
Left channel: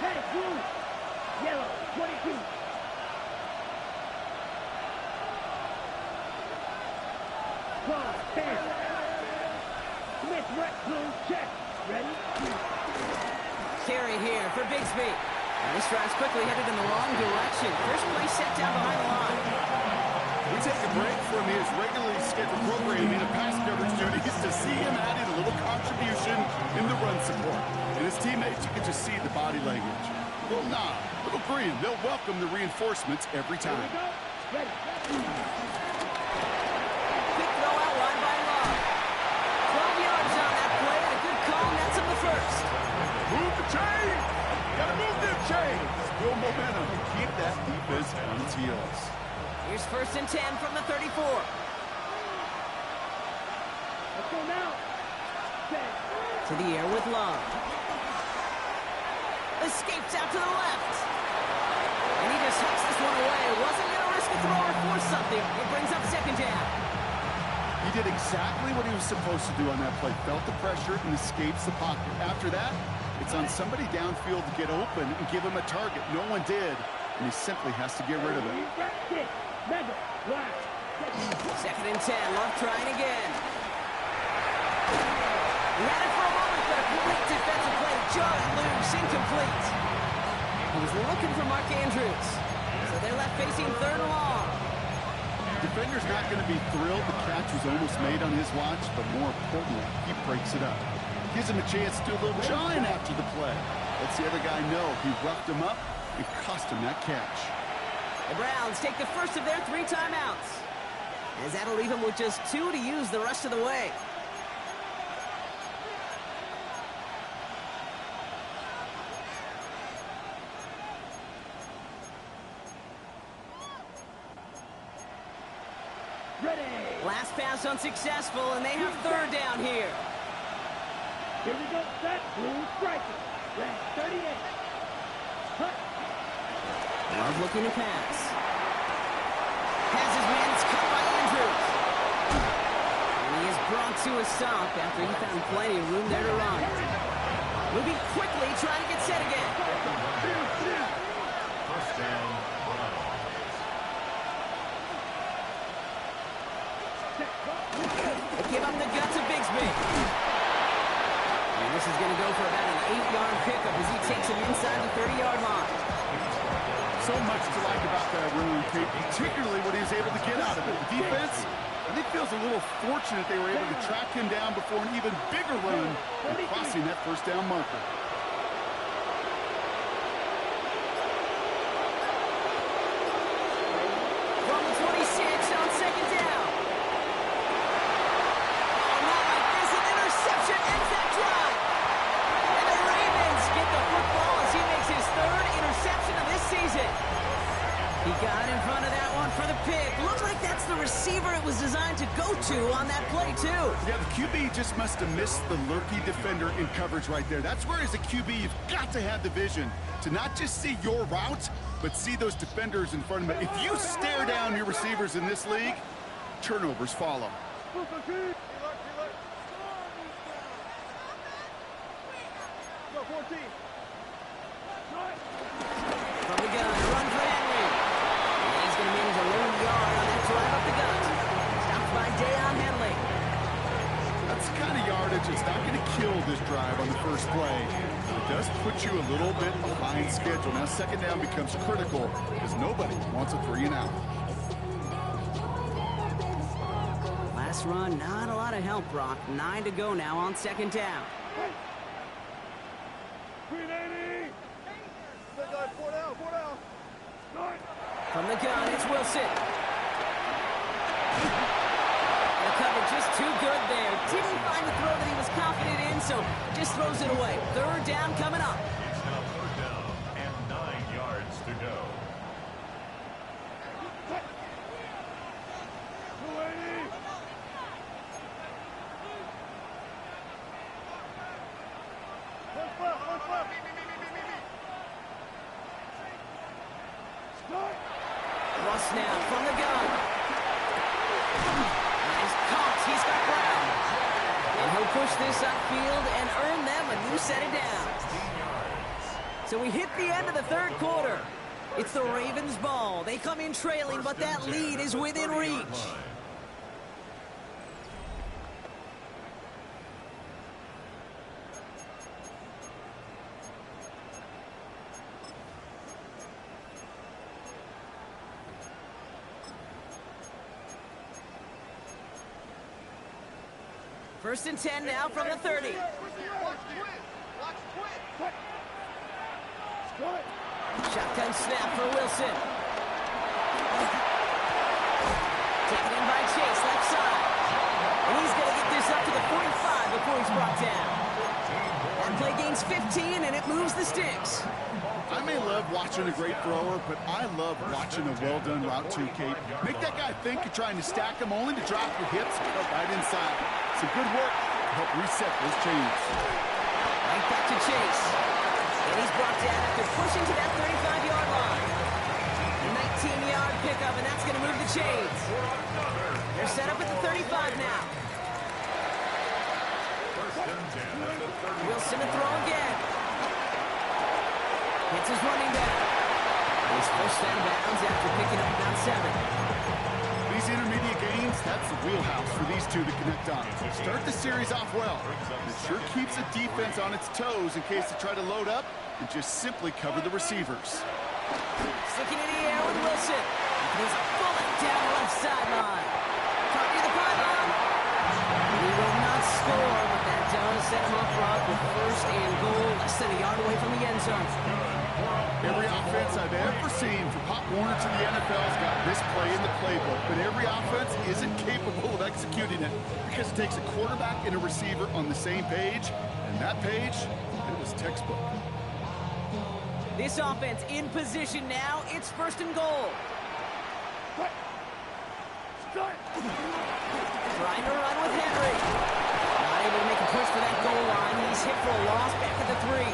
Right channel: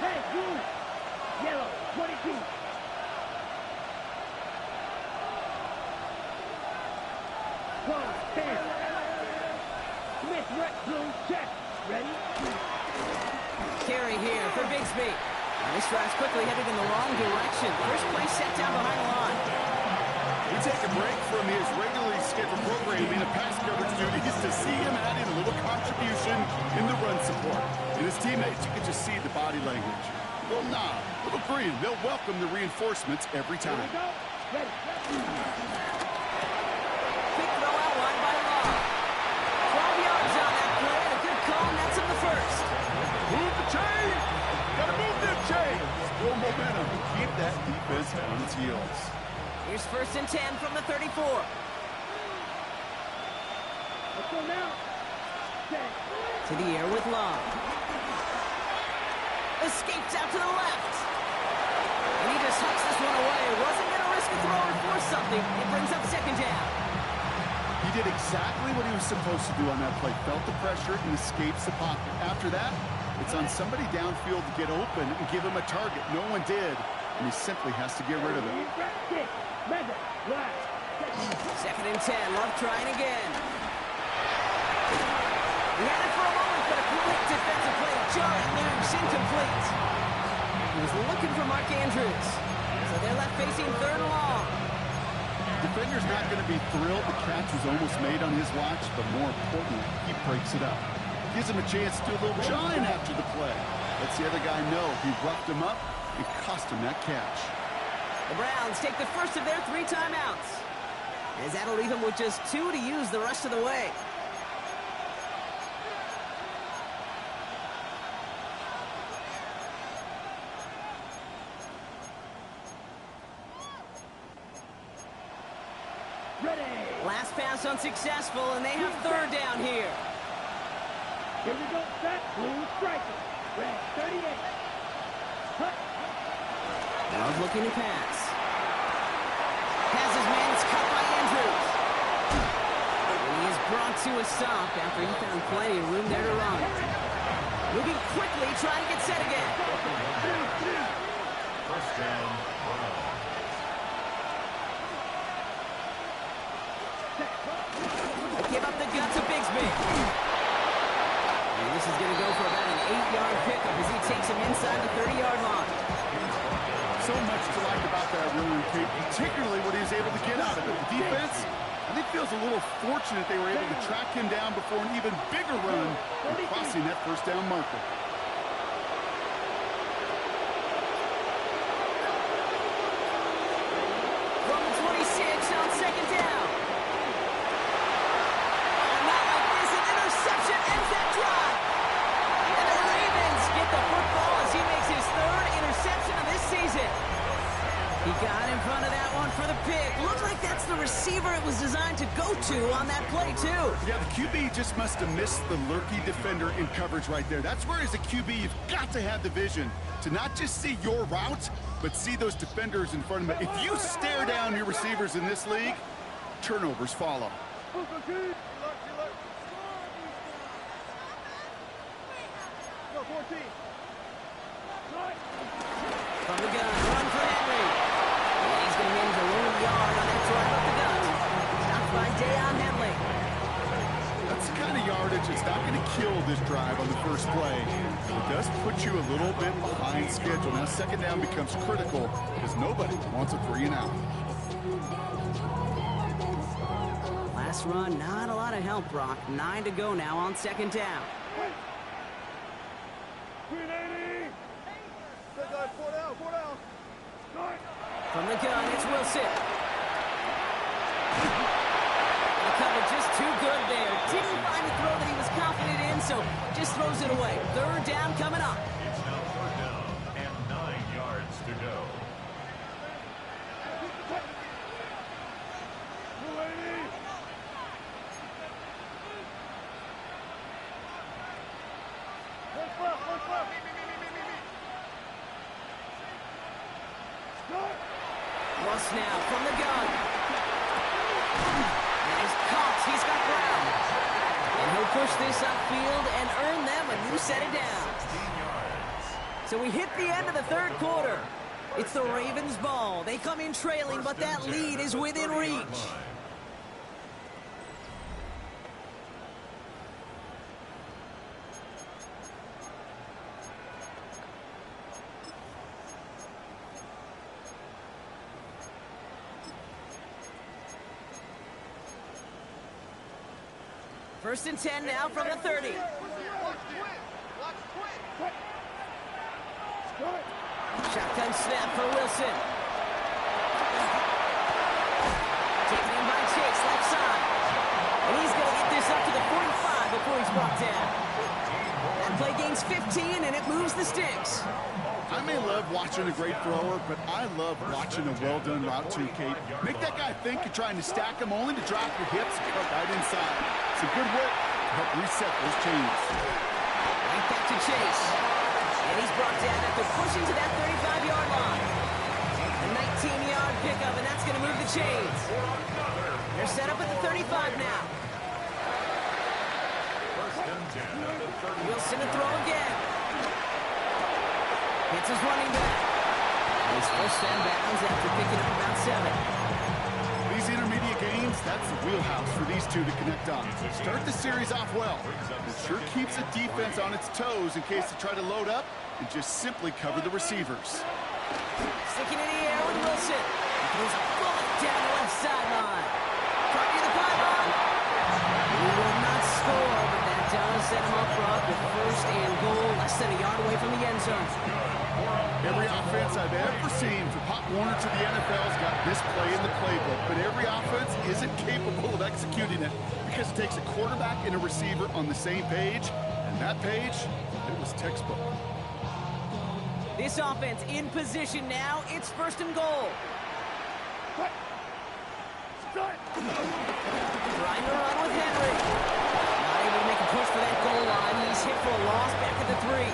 Hey, blue. Yellow, 22. Cross, 10. Smith, right, blue, check. Ready? Carry here for Bigsby. And this drive's quickly headed in the wrong direction. First play set down behind the line. We take a break from his regularly scheduled programming of pass coverage duties to see him add in a little contribution in the run support. And his teammates, you can just see the body language. Little nod, little grin. They'll welcome the reinforcements every time. Here we go. Ready. Quick throw out wide by Love. 12 yards on that play and a good call, and that's him the first. Move the chain! Gotta move them chains! Build momentum and keep that defense on its heels. Here's 1st and 10 from the 34. Let's go now. Set. To the air with Love. Escapes out to the left. And he just hucks this one away. Wasn't going to risk a throw or force something. It brings up 2nd down. He did exactly what he was supposed to do on that play. Felt the pressure and escapes the pocket. After that, it's on somebody downfield to get open and give him a target. No one did, and he simply has to get rid of it. Mega. Black. 2nd and 10. Love trying again. He had it for a moment, but a great defensive play to jar it loose. Incomplete. He was looking for Mark Andrews. So they're left facing 3rd and long. Defender's not going to be thrilled the catch was almost made on his watch, but more importantly, he breaks it up. Gives him a chance to do a little jawing after the play. Lets the other guy know he roughed him up and cost him that catch. The Browns take the first of their 3 timeouts, as that'll leave them with just 2 to use the rest of the way. Ready. Last pass unsuccessful, and they have 3rd down here. Here we go. Set. Blue striker. Red. 38. Hut. Love looking to pass. Has his man. It's cut by Andrews. And he is brought to a stop after he found plenty of room there to run. Moving quickly, trying to get set again. 1st down, Browns. give up the guts of Bigsby. And this is going to go for about an 8-yard pickup as he takes him inside the 30-yard line. So much to like about that run, Kate, particularly what he was able to get out of it. The defense, I think, feels a little fortunate they were able to track him down before an even bigger run and crossing that first down marker. From the 26 on second down. Oh, not like this. An interception ends that drive. And the Ravens get the football as he makes his 3rd interception of this season. He got in front of that one for the pick. Looks like that's the receiver it was designed to go to on that play, too. Yeah, the QB just must have missed the lurky defender in coverage right there. That's where, as a QB, you've got to have the vision to not just see your route, but see those defenders in front of you. If you stare down your receivers in this league, turnovers follow. Go 14. From the gun, run for Henry. And he's going to manage a lone yard on that drive up the gut. Stopped by Deion Henley. That's the kind of yardage that's not going to kill this drive on the first play. But it does put you a little bit behind schedule. Now, second down becomes critical because nobody wants a 3-and-out. Last run, not a lot of help, Brock. 9 to go now on second down. 380. Four down. From the gun, it's Wilson. The cover just too good there. Didn't find the throw that he was confident in, so just throws it away. 3rd down coming up. It's now 3rd down and 9 yards to go. 280. One flip. Russ now from the gun. Nice caught. He's got Brown. And he'll push this upfield and earn them a new set of downs. So we hit the end of the 3rd quarter. It's the Ravens' ball. They come in trailing, but that lead is within reach. First and 10 now from the 30. Shotgun snap for Wilson. Taken in by Chase, left side. And he's going to get this up to the 45 before he's brought down. That play gains 15, and it moves the sticks. I may love watching a great thrower, but I love watching a well-done route too, Kate. Make that guy think you're trying to stack him only to drop your hips and cut right inside. Some good work to help reset those chains. Right back to Chase. And he's brought down after pushing to that 35-yard line. A 19-yard pickup, and that's going to move the chains. They're set up at the 35 now. Wilson to throw again. Hits his running back. He's forced out of bounds after picking up about 7. These intermediate games, that's the wheelhouse for these two to connect on. Start the series off well. It sure keeps the defense on its toes in case they try to load up and just simply cover the receivers. Sticking in the air with Wilson. He throws a bullet down the left sideline. Trying to the pylon. He will not score, but that does set him up front with 1st and goal, less than a yard away from the end zone. Every offense I've ever seen from Pop Warner to the NFL's got this play in the playbook, but every offense isn't capable of executing it because it takes a quarterback and a receiver on the same page, and that page, it was textbook. This offense in position now. It's 1st and goal. Trying to run with Henry. Not able to make a push for that goal line. He's hit for a loss back at the 3.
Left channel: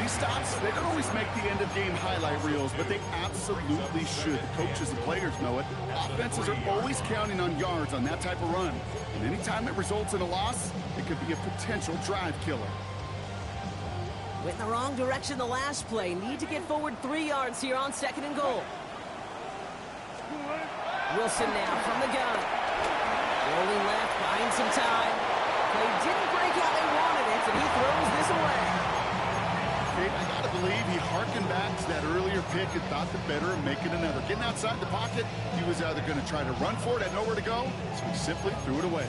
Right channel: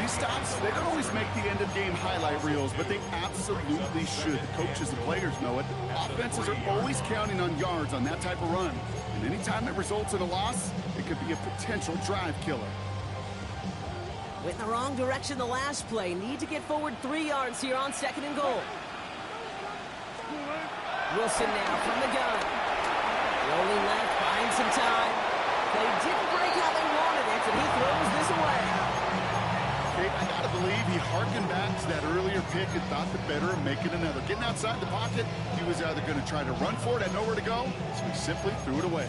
These stops, they don't always make the end-of-game highlight reels, but they absolutely should. The coaches and players know it. Offenses are always counting on yards on that type of run. And anytime it results in a loss, it could be a potential drive killer. Went in the wrong direction the last play. Need to get forward 3 yards here on 2nd and goal. Wilson now from the gun. Rolling left, buying some time. Play didn't break how they wanted it, and he throws this away. Kate, I got to believe he harkened back to that earlier pick and thought the better of making another. Getting outside the pocket, he was either going to try to run for it, had nowhere to go, so he simply threw it away.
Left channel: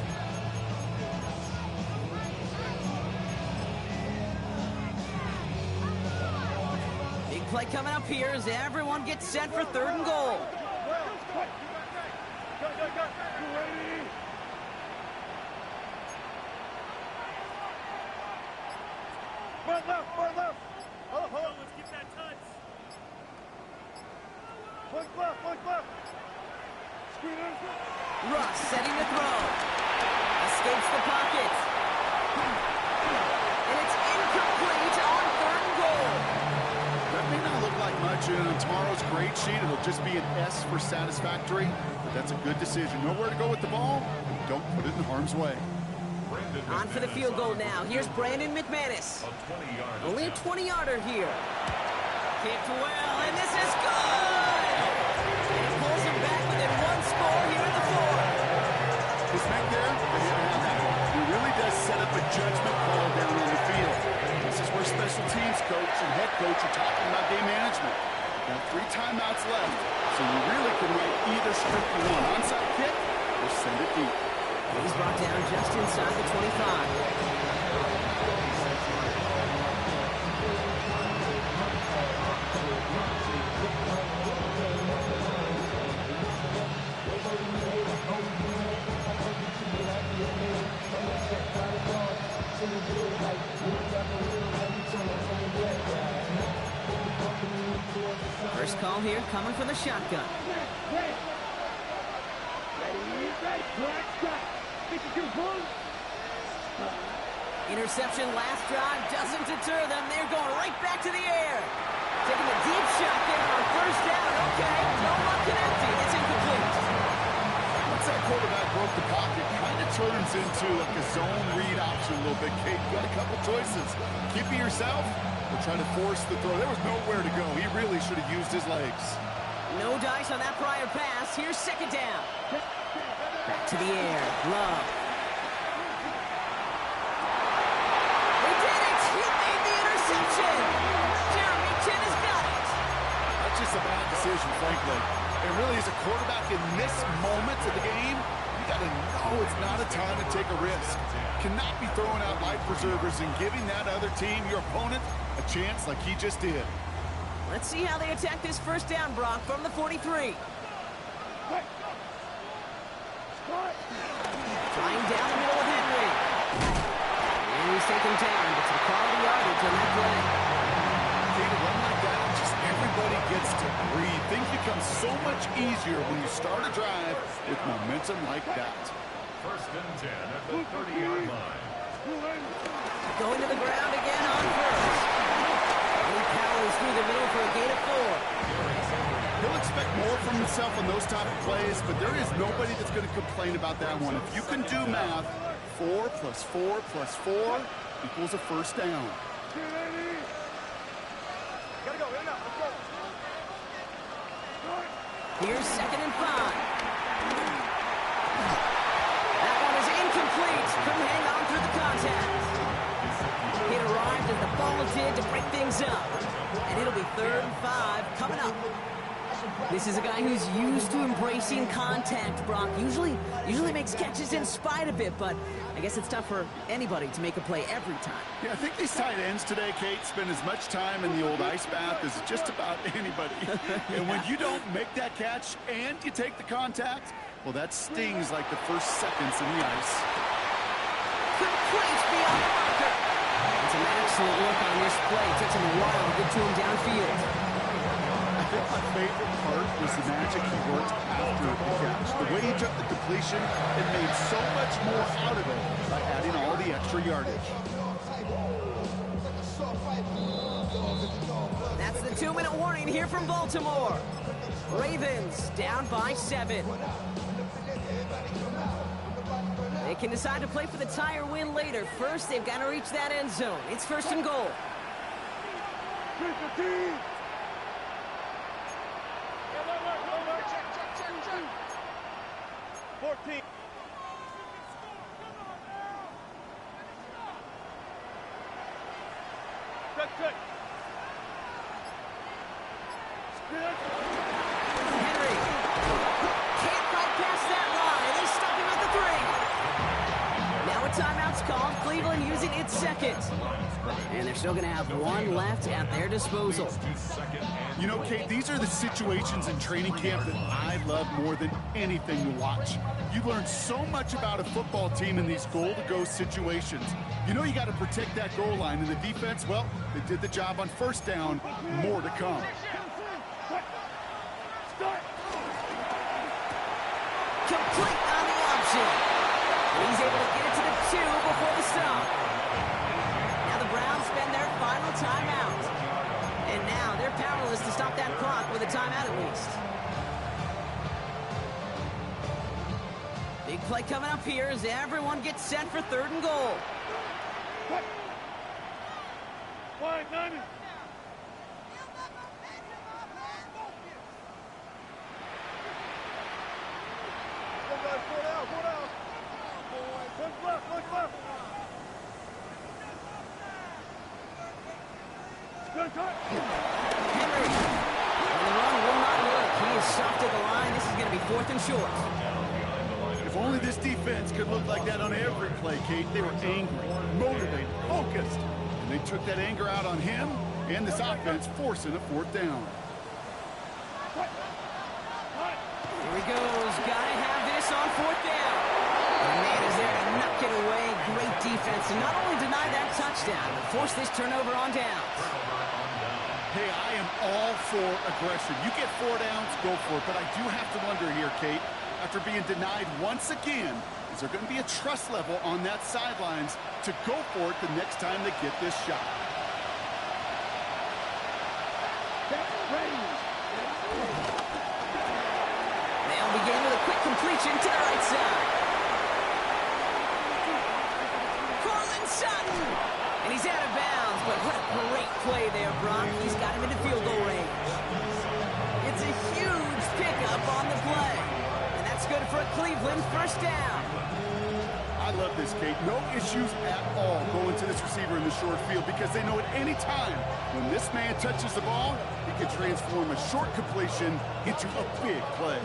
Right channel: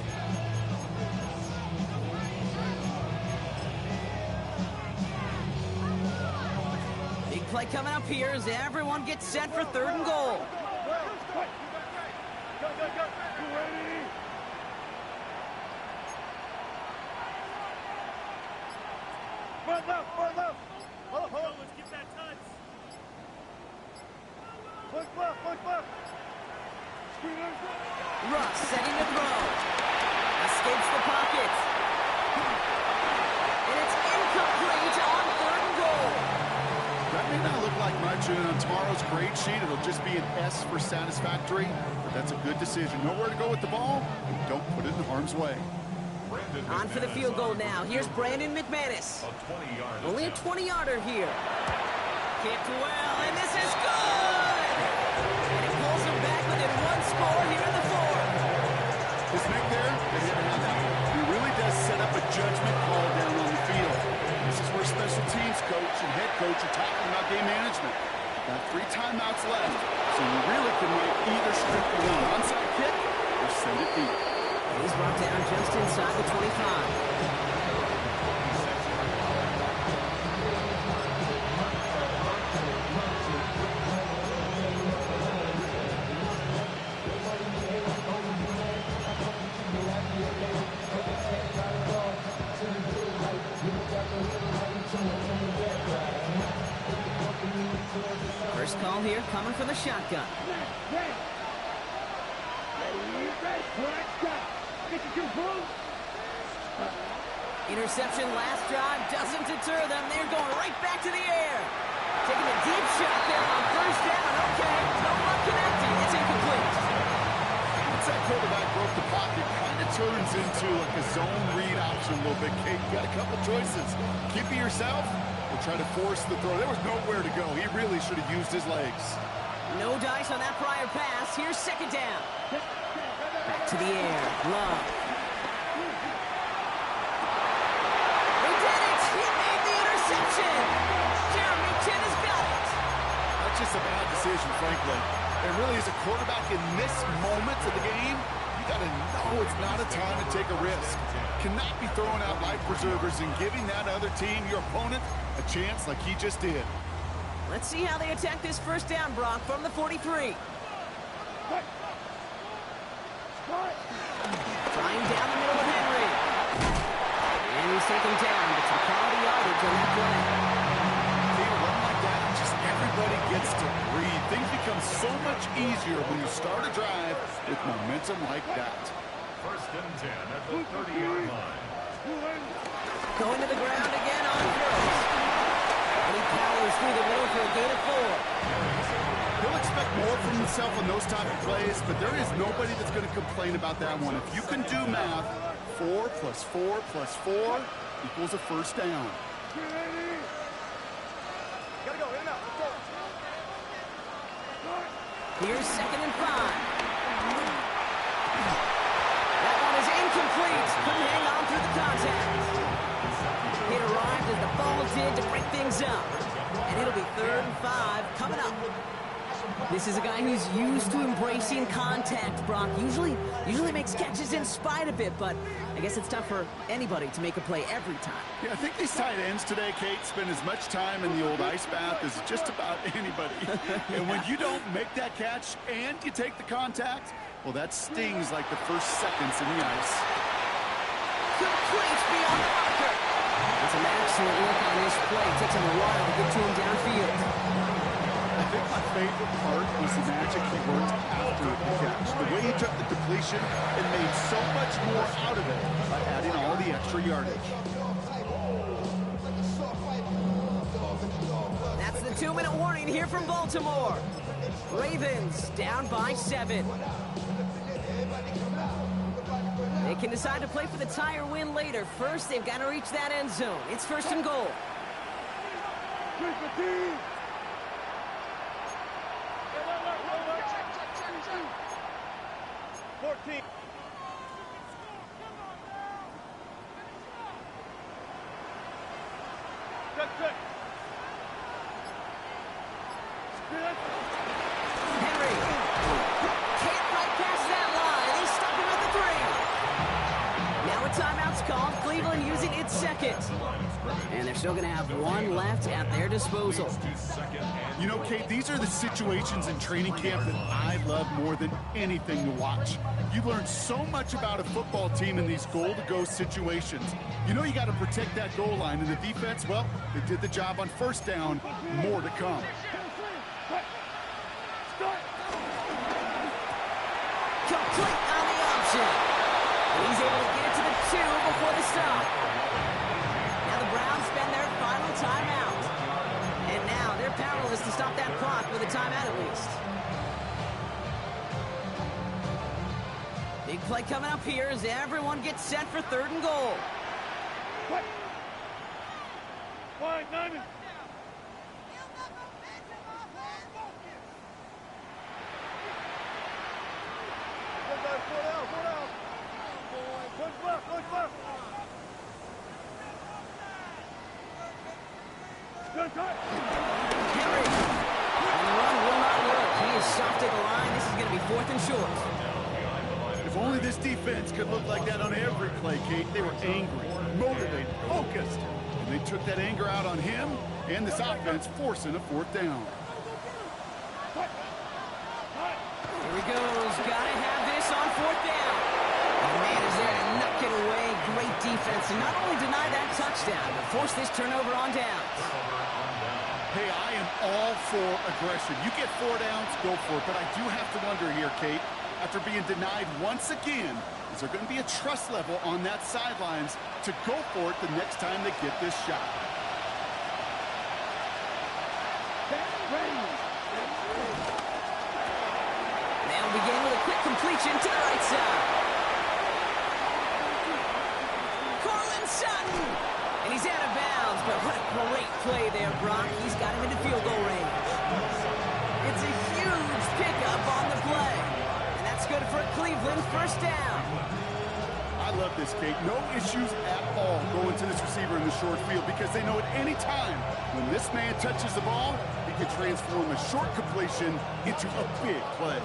Big play coming up here as everyone gets set for 3rd and goal. Front left, front left. Let's get that touch. Push left. Screeners. Russ setting to throw. Escapes the pocket. And it's incomplete on 3rd and goal. That may not look like much, and on tomorrow's grade sheet, it'll just be an S for satisfactory, but that's a good decision. Nowhere to go with the ball, and don't put it in harm's way. On for the field goal now. Here's Brandon McManus. Only a 20-yarder here. Kicked well, and this is good! And it pulls them back within 1 score here in the 4th. His make there, they had to have that one. He really does set up a judgment call down on the field. This is where special teams coach and head coach are talking about game management. Got 3 timeouts left, so you really can write either script you want. Onside kick or send it deep. He's brought down just inside the 25. First call here coming from the shotgun. Ready. Black shot. 52 boom. Interception last drive doesn't deter them. They're going right back to the air. Taking a deep shot there on 1st down. Okay, no luck connecting. It's incomplete. Once that quarterback broke the pocket, kind of turns into like a zone read option a little bit, Kate. You got a couple choices. Keep it yourself or try to force the throw. There was nowhere to go. He really should have used his legs. No dice on that prior pass. Here's 2nd down. Back to the air. Love. They did it! He made the interception! Jeremy Chin has got it! That's just a bad decision, frankly. And really, as a quarterback in this moment of the game, you got to know it's not a time to take a risk. Cannot be throwing out life preservers and giving that other team, your opponent, a chance like he just did. Let's see how they attack this 1st down, Brock, from the 43. Trying down the middle with Henry. And he's taken down, but some quality yardage on that play. See, to run like that, just everybody gets to breathe. Things become so much easier when you start a drive with momentum like that. 1st and 10 at the 30-yard line. Going to the ground again on 1st. And he powers through the middle for a gain of 4. He'll expect more from himself on those type of plays, but there is nobody that's going to complain about that one. If you can do math, 4 plus 4 plus 4 equals a 1st down. Gotta go, in and out, let's go. Here's 2nd and 5. That one is incomplete. Couldn't hang on through the contact. It arrived as the ball did to break things up. And it'll be 3rd and 5 coming up. This is a guy who's used to embracing contact, Brock. Usually makes catches in spite of it, but I guess it's tough for anybody to make a play every time. Yeah, I think these tight ends today, Kate, spend as much time in the old ice bath as just about anybody. And when you don't make that catch and you take the contact, well, that stings like the first seconds in the ice. Complete beyond the marker. And some excellent work on this play. Takes him a while to get to him downfield. I think my favorite part was the magic he worked after the catch. The way he took the completion and made so much more out of it by adding all the extra yardage. That's the 2-minute warning here from Baltimore. Ravens down by 7. They can decide to play for the tie or win later. First, they've got to reach that end zone. It's 1st and goal. 14. Henry can't fight past that line. They stop him at the 3. Now a timeout's called. Cleveland using its second. And they're still going to have one left at their disposal. You know, Kate, these are the situations in training camp that I love more than anything to watch. You learn so much about a football team in these goal-to-go situations. You know you got to protect that goal line, and the defense, well, they did the job on first down. More to come. Complete on the option. And he's able to get it to the 2 before the stop. Now the Browns spend their final timeout. And now they're powerless to stop that clock with a timeout at least. Big play coming up here as everyone gets set for 3rd and goal. Wide, Nine. Henry. And the run will not work. He is soft at the line. This is going to be 4th and short. If only this defense could look like that on every play, Kate. They were angry, motivated, focused. And they took that anger out on him and this offense, forcing a 4th down. Here he goes. Got to have this on 4th down. And the man is there to knock it away. Great defense to not only deny that touchdown, but force this turnover on downs. Hey, I am all for aggression. You get 4 downs, go for it. But I do have to wonder here, Kate, after being denied once again, is there going to be a trust level on that sidelines to go for it the next time they get this shot? They'll begin with a quick completion to the right side. Cortland Sutton! And he's out of bounds, but what a great play there, Brock. He's got him into field goal range. It's a huge pickup on the play. And that's good for a Cleveland 1st down. I love this, Kate. No issues at all going to this receiver in the short field because they know at any time when this man touches the ball, he can transform a short completion into a big play.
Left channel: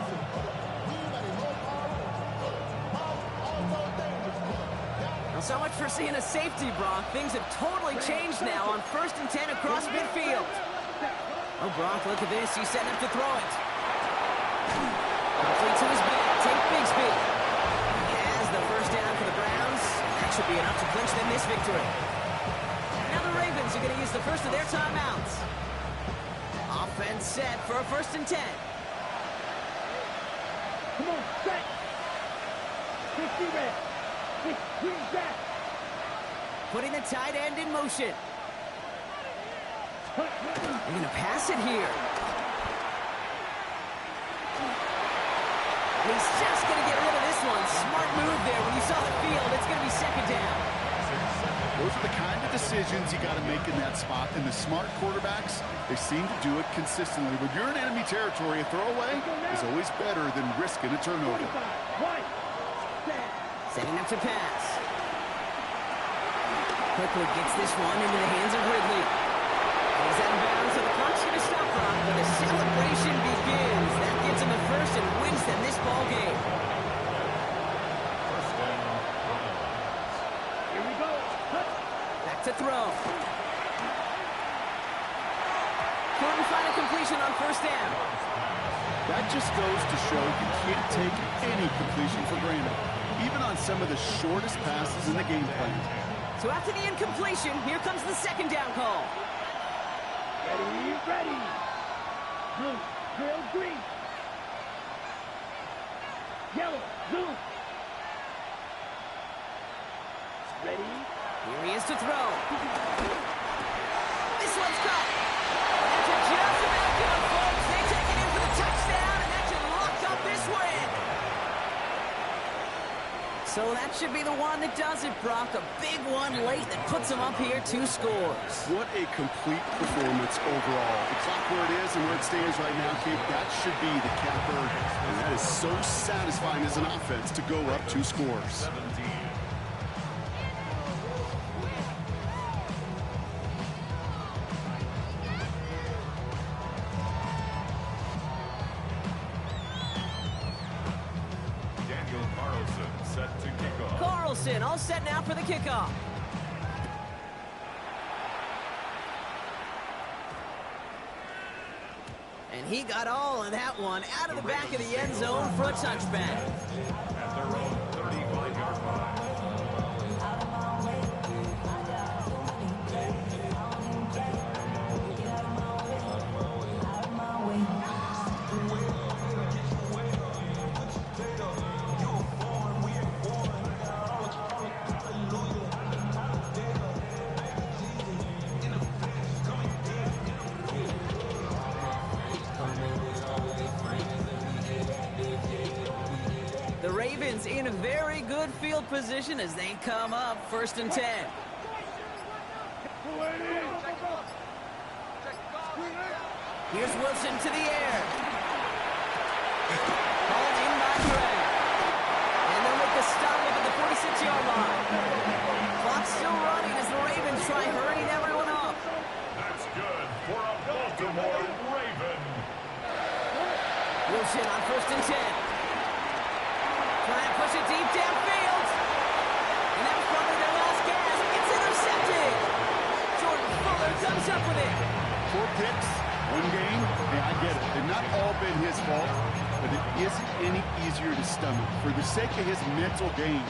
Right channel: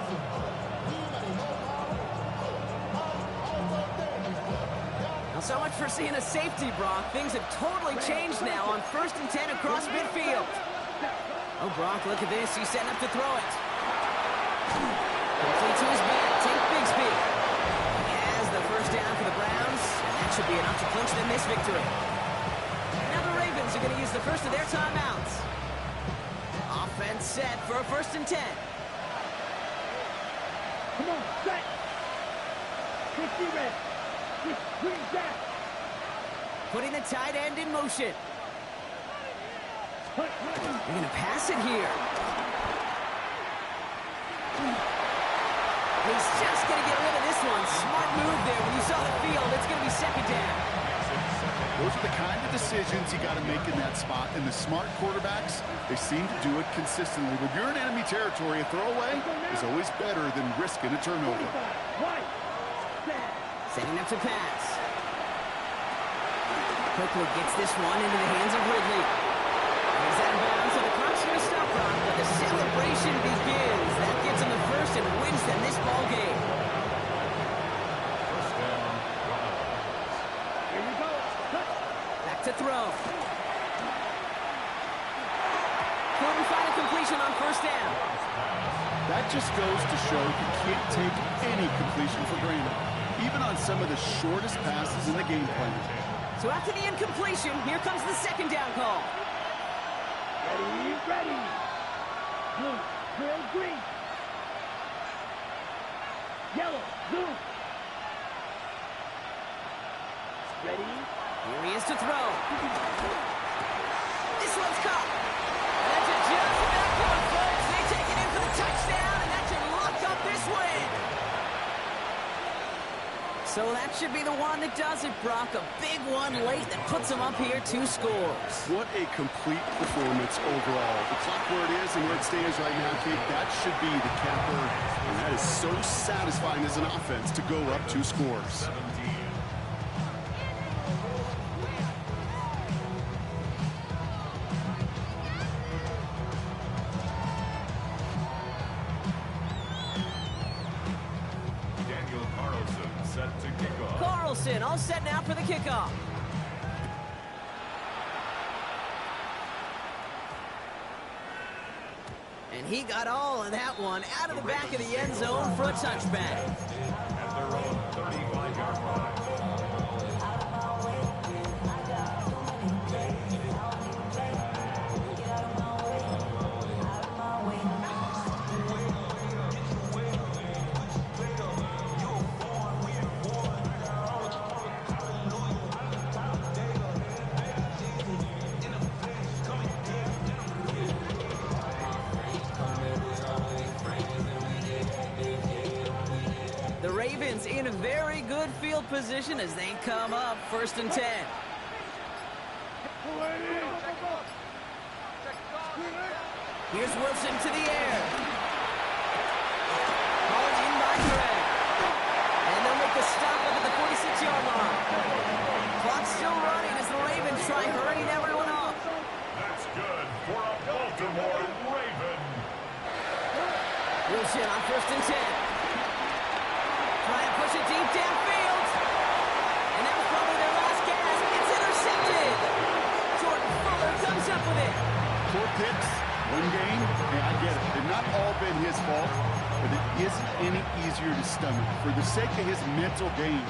So much for seeing a safety, Brock. Things have totally changed now on 1st and 10 across midfield. Oh, Brock, look at this. He's setting up to throw it. Complete to his back. Take Bigsby. He has the 1st down for the Browns, and that should be enough to clinch them this victory. Now the Ravens are going to use the first of their timeouts. Offense set for a 1st and 10. Come on, set. 50 red. Green back. Putting the tight end in motion. They're going to pass it here. He's just going to get rid of this one. Smart move there. When you saw the field, it's going to be 2nd down. Those are the kind of decisions you got to make in that spot. And the smart quarterbacks, they seem to do it consistently. When you're in enemy territory, a throwaway is always better than risking a turnover. Setting up to pass. Quickly gets this one into the hands of Ridley. He's out of bounds, so the clock's going to stop, Brock, but the celebration begins. That gives them the 1st and wins them this ball game. 1st down. Here we go. Back to throw. Couldn't find a completion on 1st down. That just goes to show you can't take any completion for granted, even on some of the shortest passes in the game plan. So after the incompletion, here comes the 2nd down call. Ready, ready. Blue, trail green. Yellow, zoom. Ready. Here he is to throw. This one's caught. And that's just about good, folks. They take it in for the touchdown, and that should lock up this win. So that should be the one that does it, Brock. A big one late that puts them up here 2 scores. What a complete performance overall. The clock where it is and where it stands right now, Kate, that should be the capper. And that is so satisfying as an offense to go up 2 scores. 17. set to kick off. Carlson all set now for the kickoff. And he got all of that one out of the back of the end zone for a touchback. At their own 35-yard line. The Ravens in a very good field position as they come up 1st and 10. Here's Wilson to the air. Called in by Greg. And they'll make the stop up at the 46-yard line. Clock's still running as the Ravens try hurrying everyone up. That's good for a Baltimore Raven. Wilson on 1st and 10. Try and push it deep downfield. And that was probably their last gasp. It's intercepted. Jordan Fuller comes up with it. 4 picks, 1 game. Hey, I get it. They've not all been his fault, but it isn't any easier to stomach. For the sake of his mental game,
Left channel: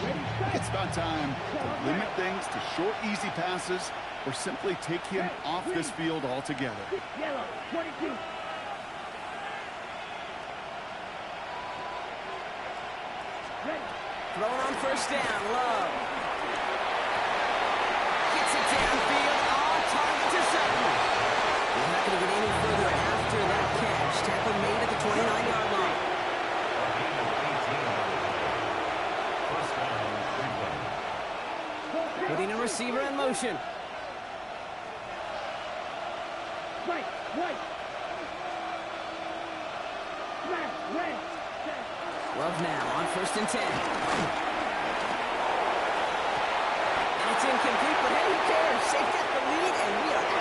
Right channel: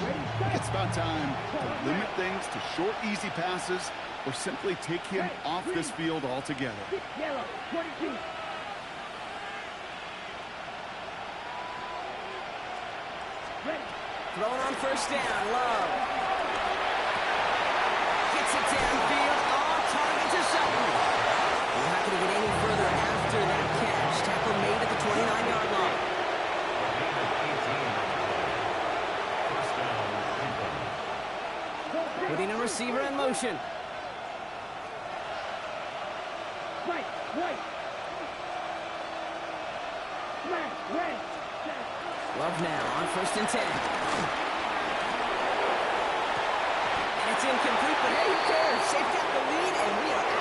it's about time to limit things to short, easy passes or simply take him off this field altogether. Yellow, 22. Ready. Thrown on 1st down, Love. Gets it downfield, on target to Sutton. He's not going to get any further after that catch. Tackle made at the 29-yard line. A gain of 18 on the play. 1st down, Cleveland. Putting a receiver in motion. Right, right. Smash, red. Love now on 1st and 10. And it's incomplete, but hey, who cares? They've got the lead, and we are out.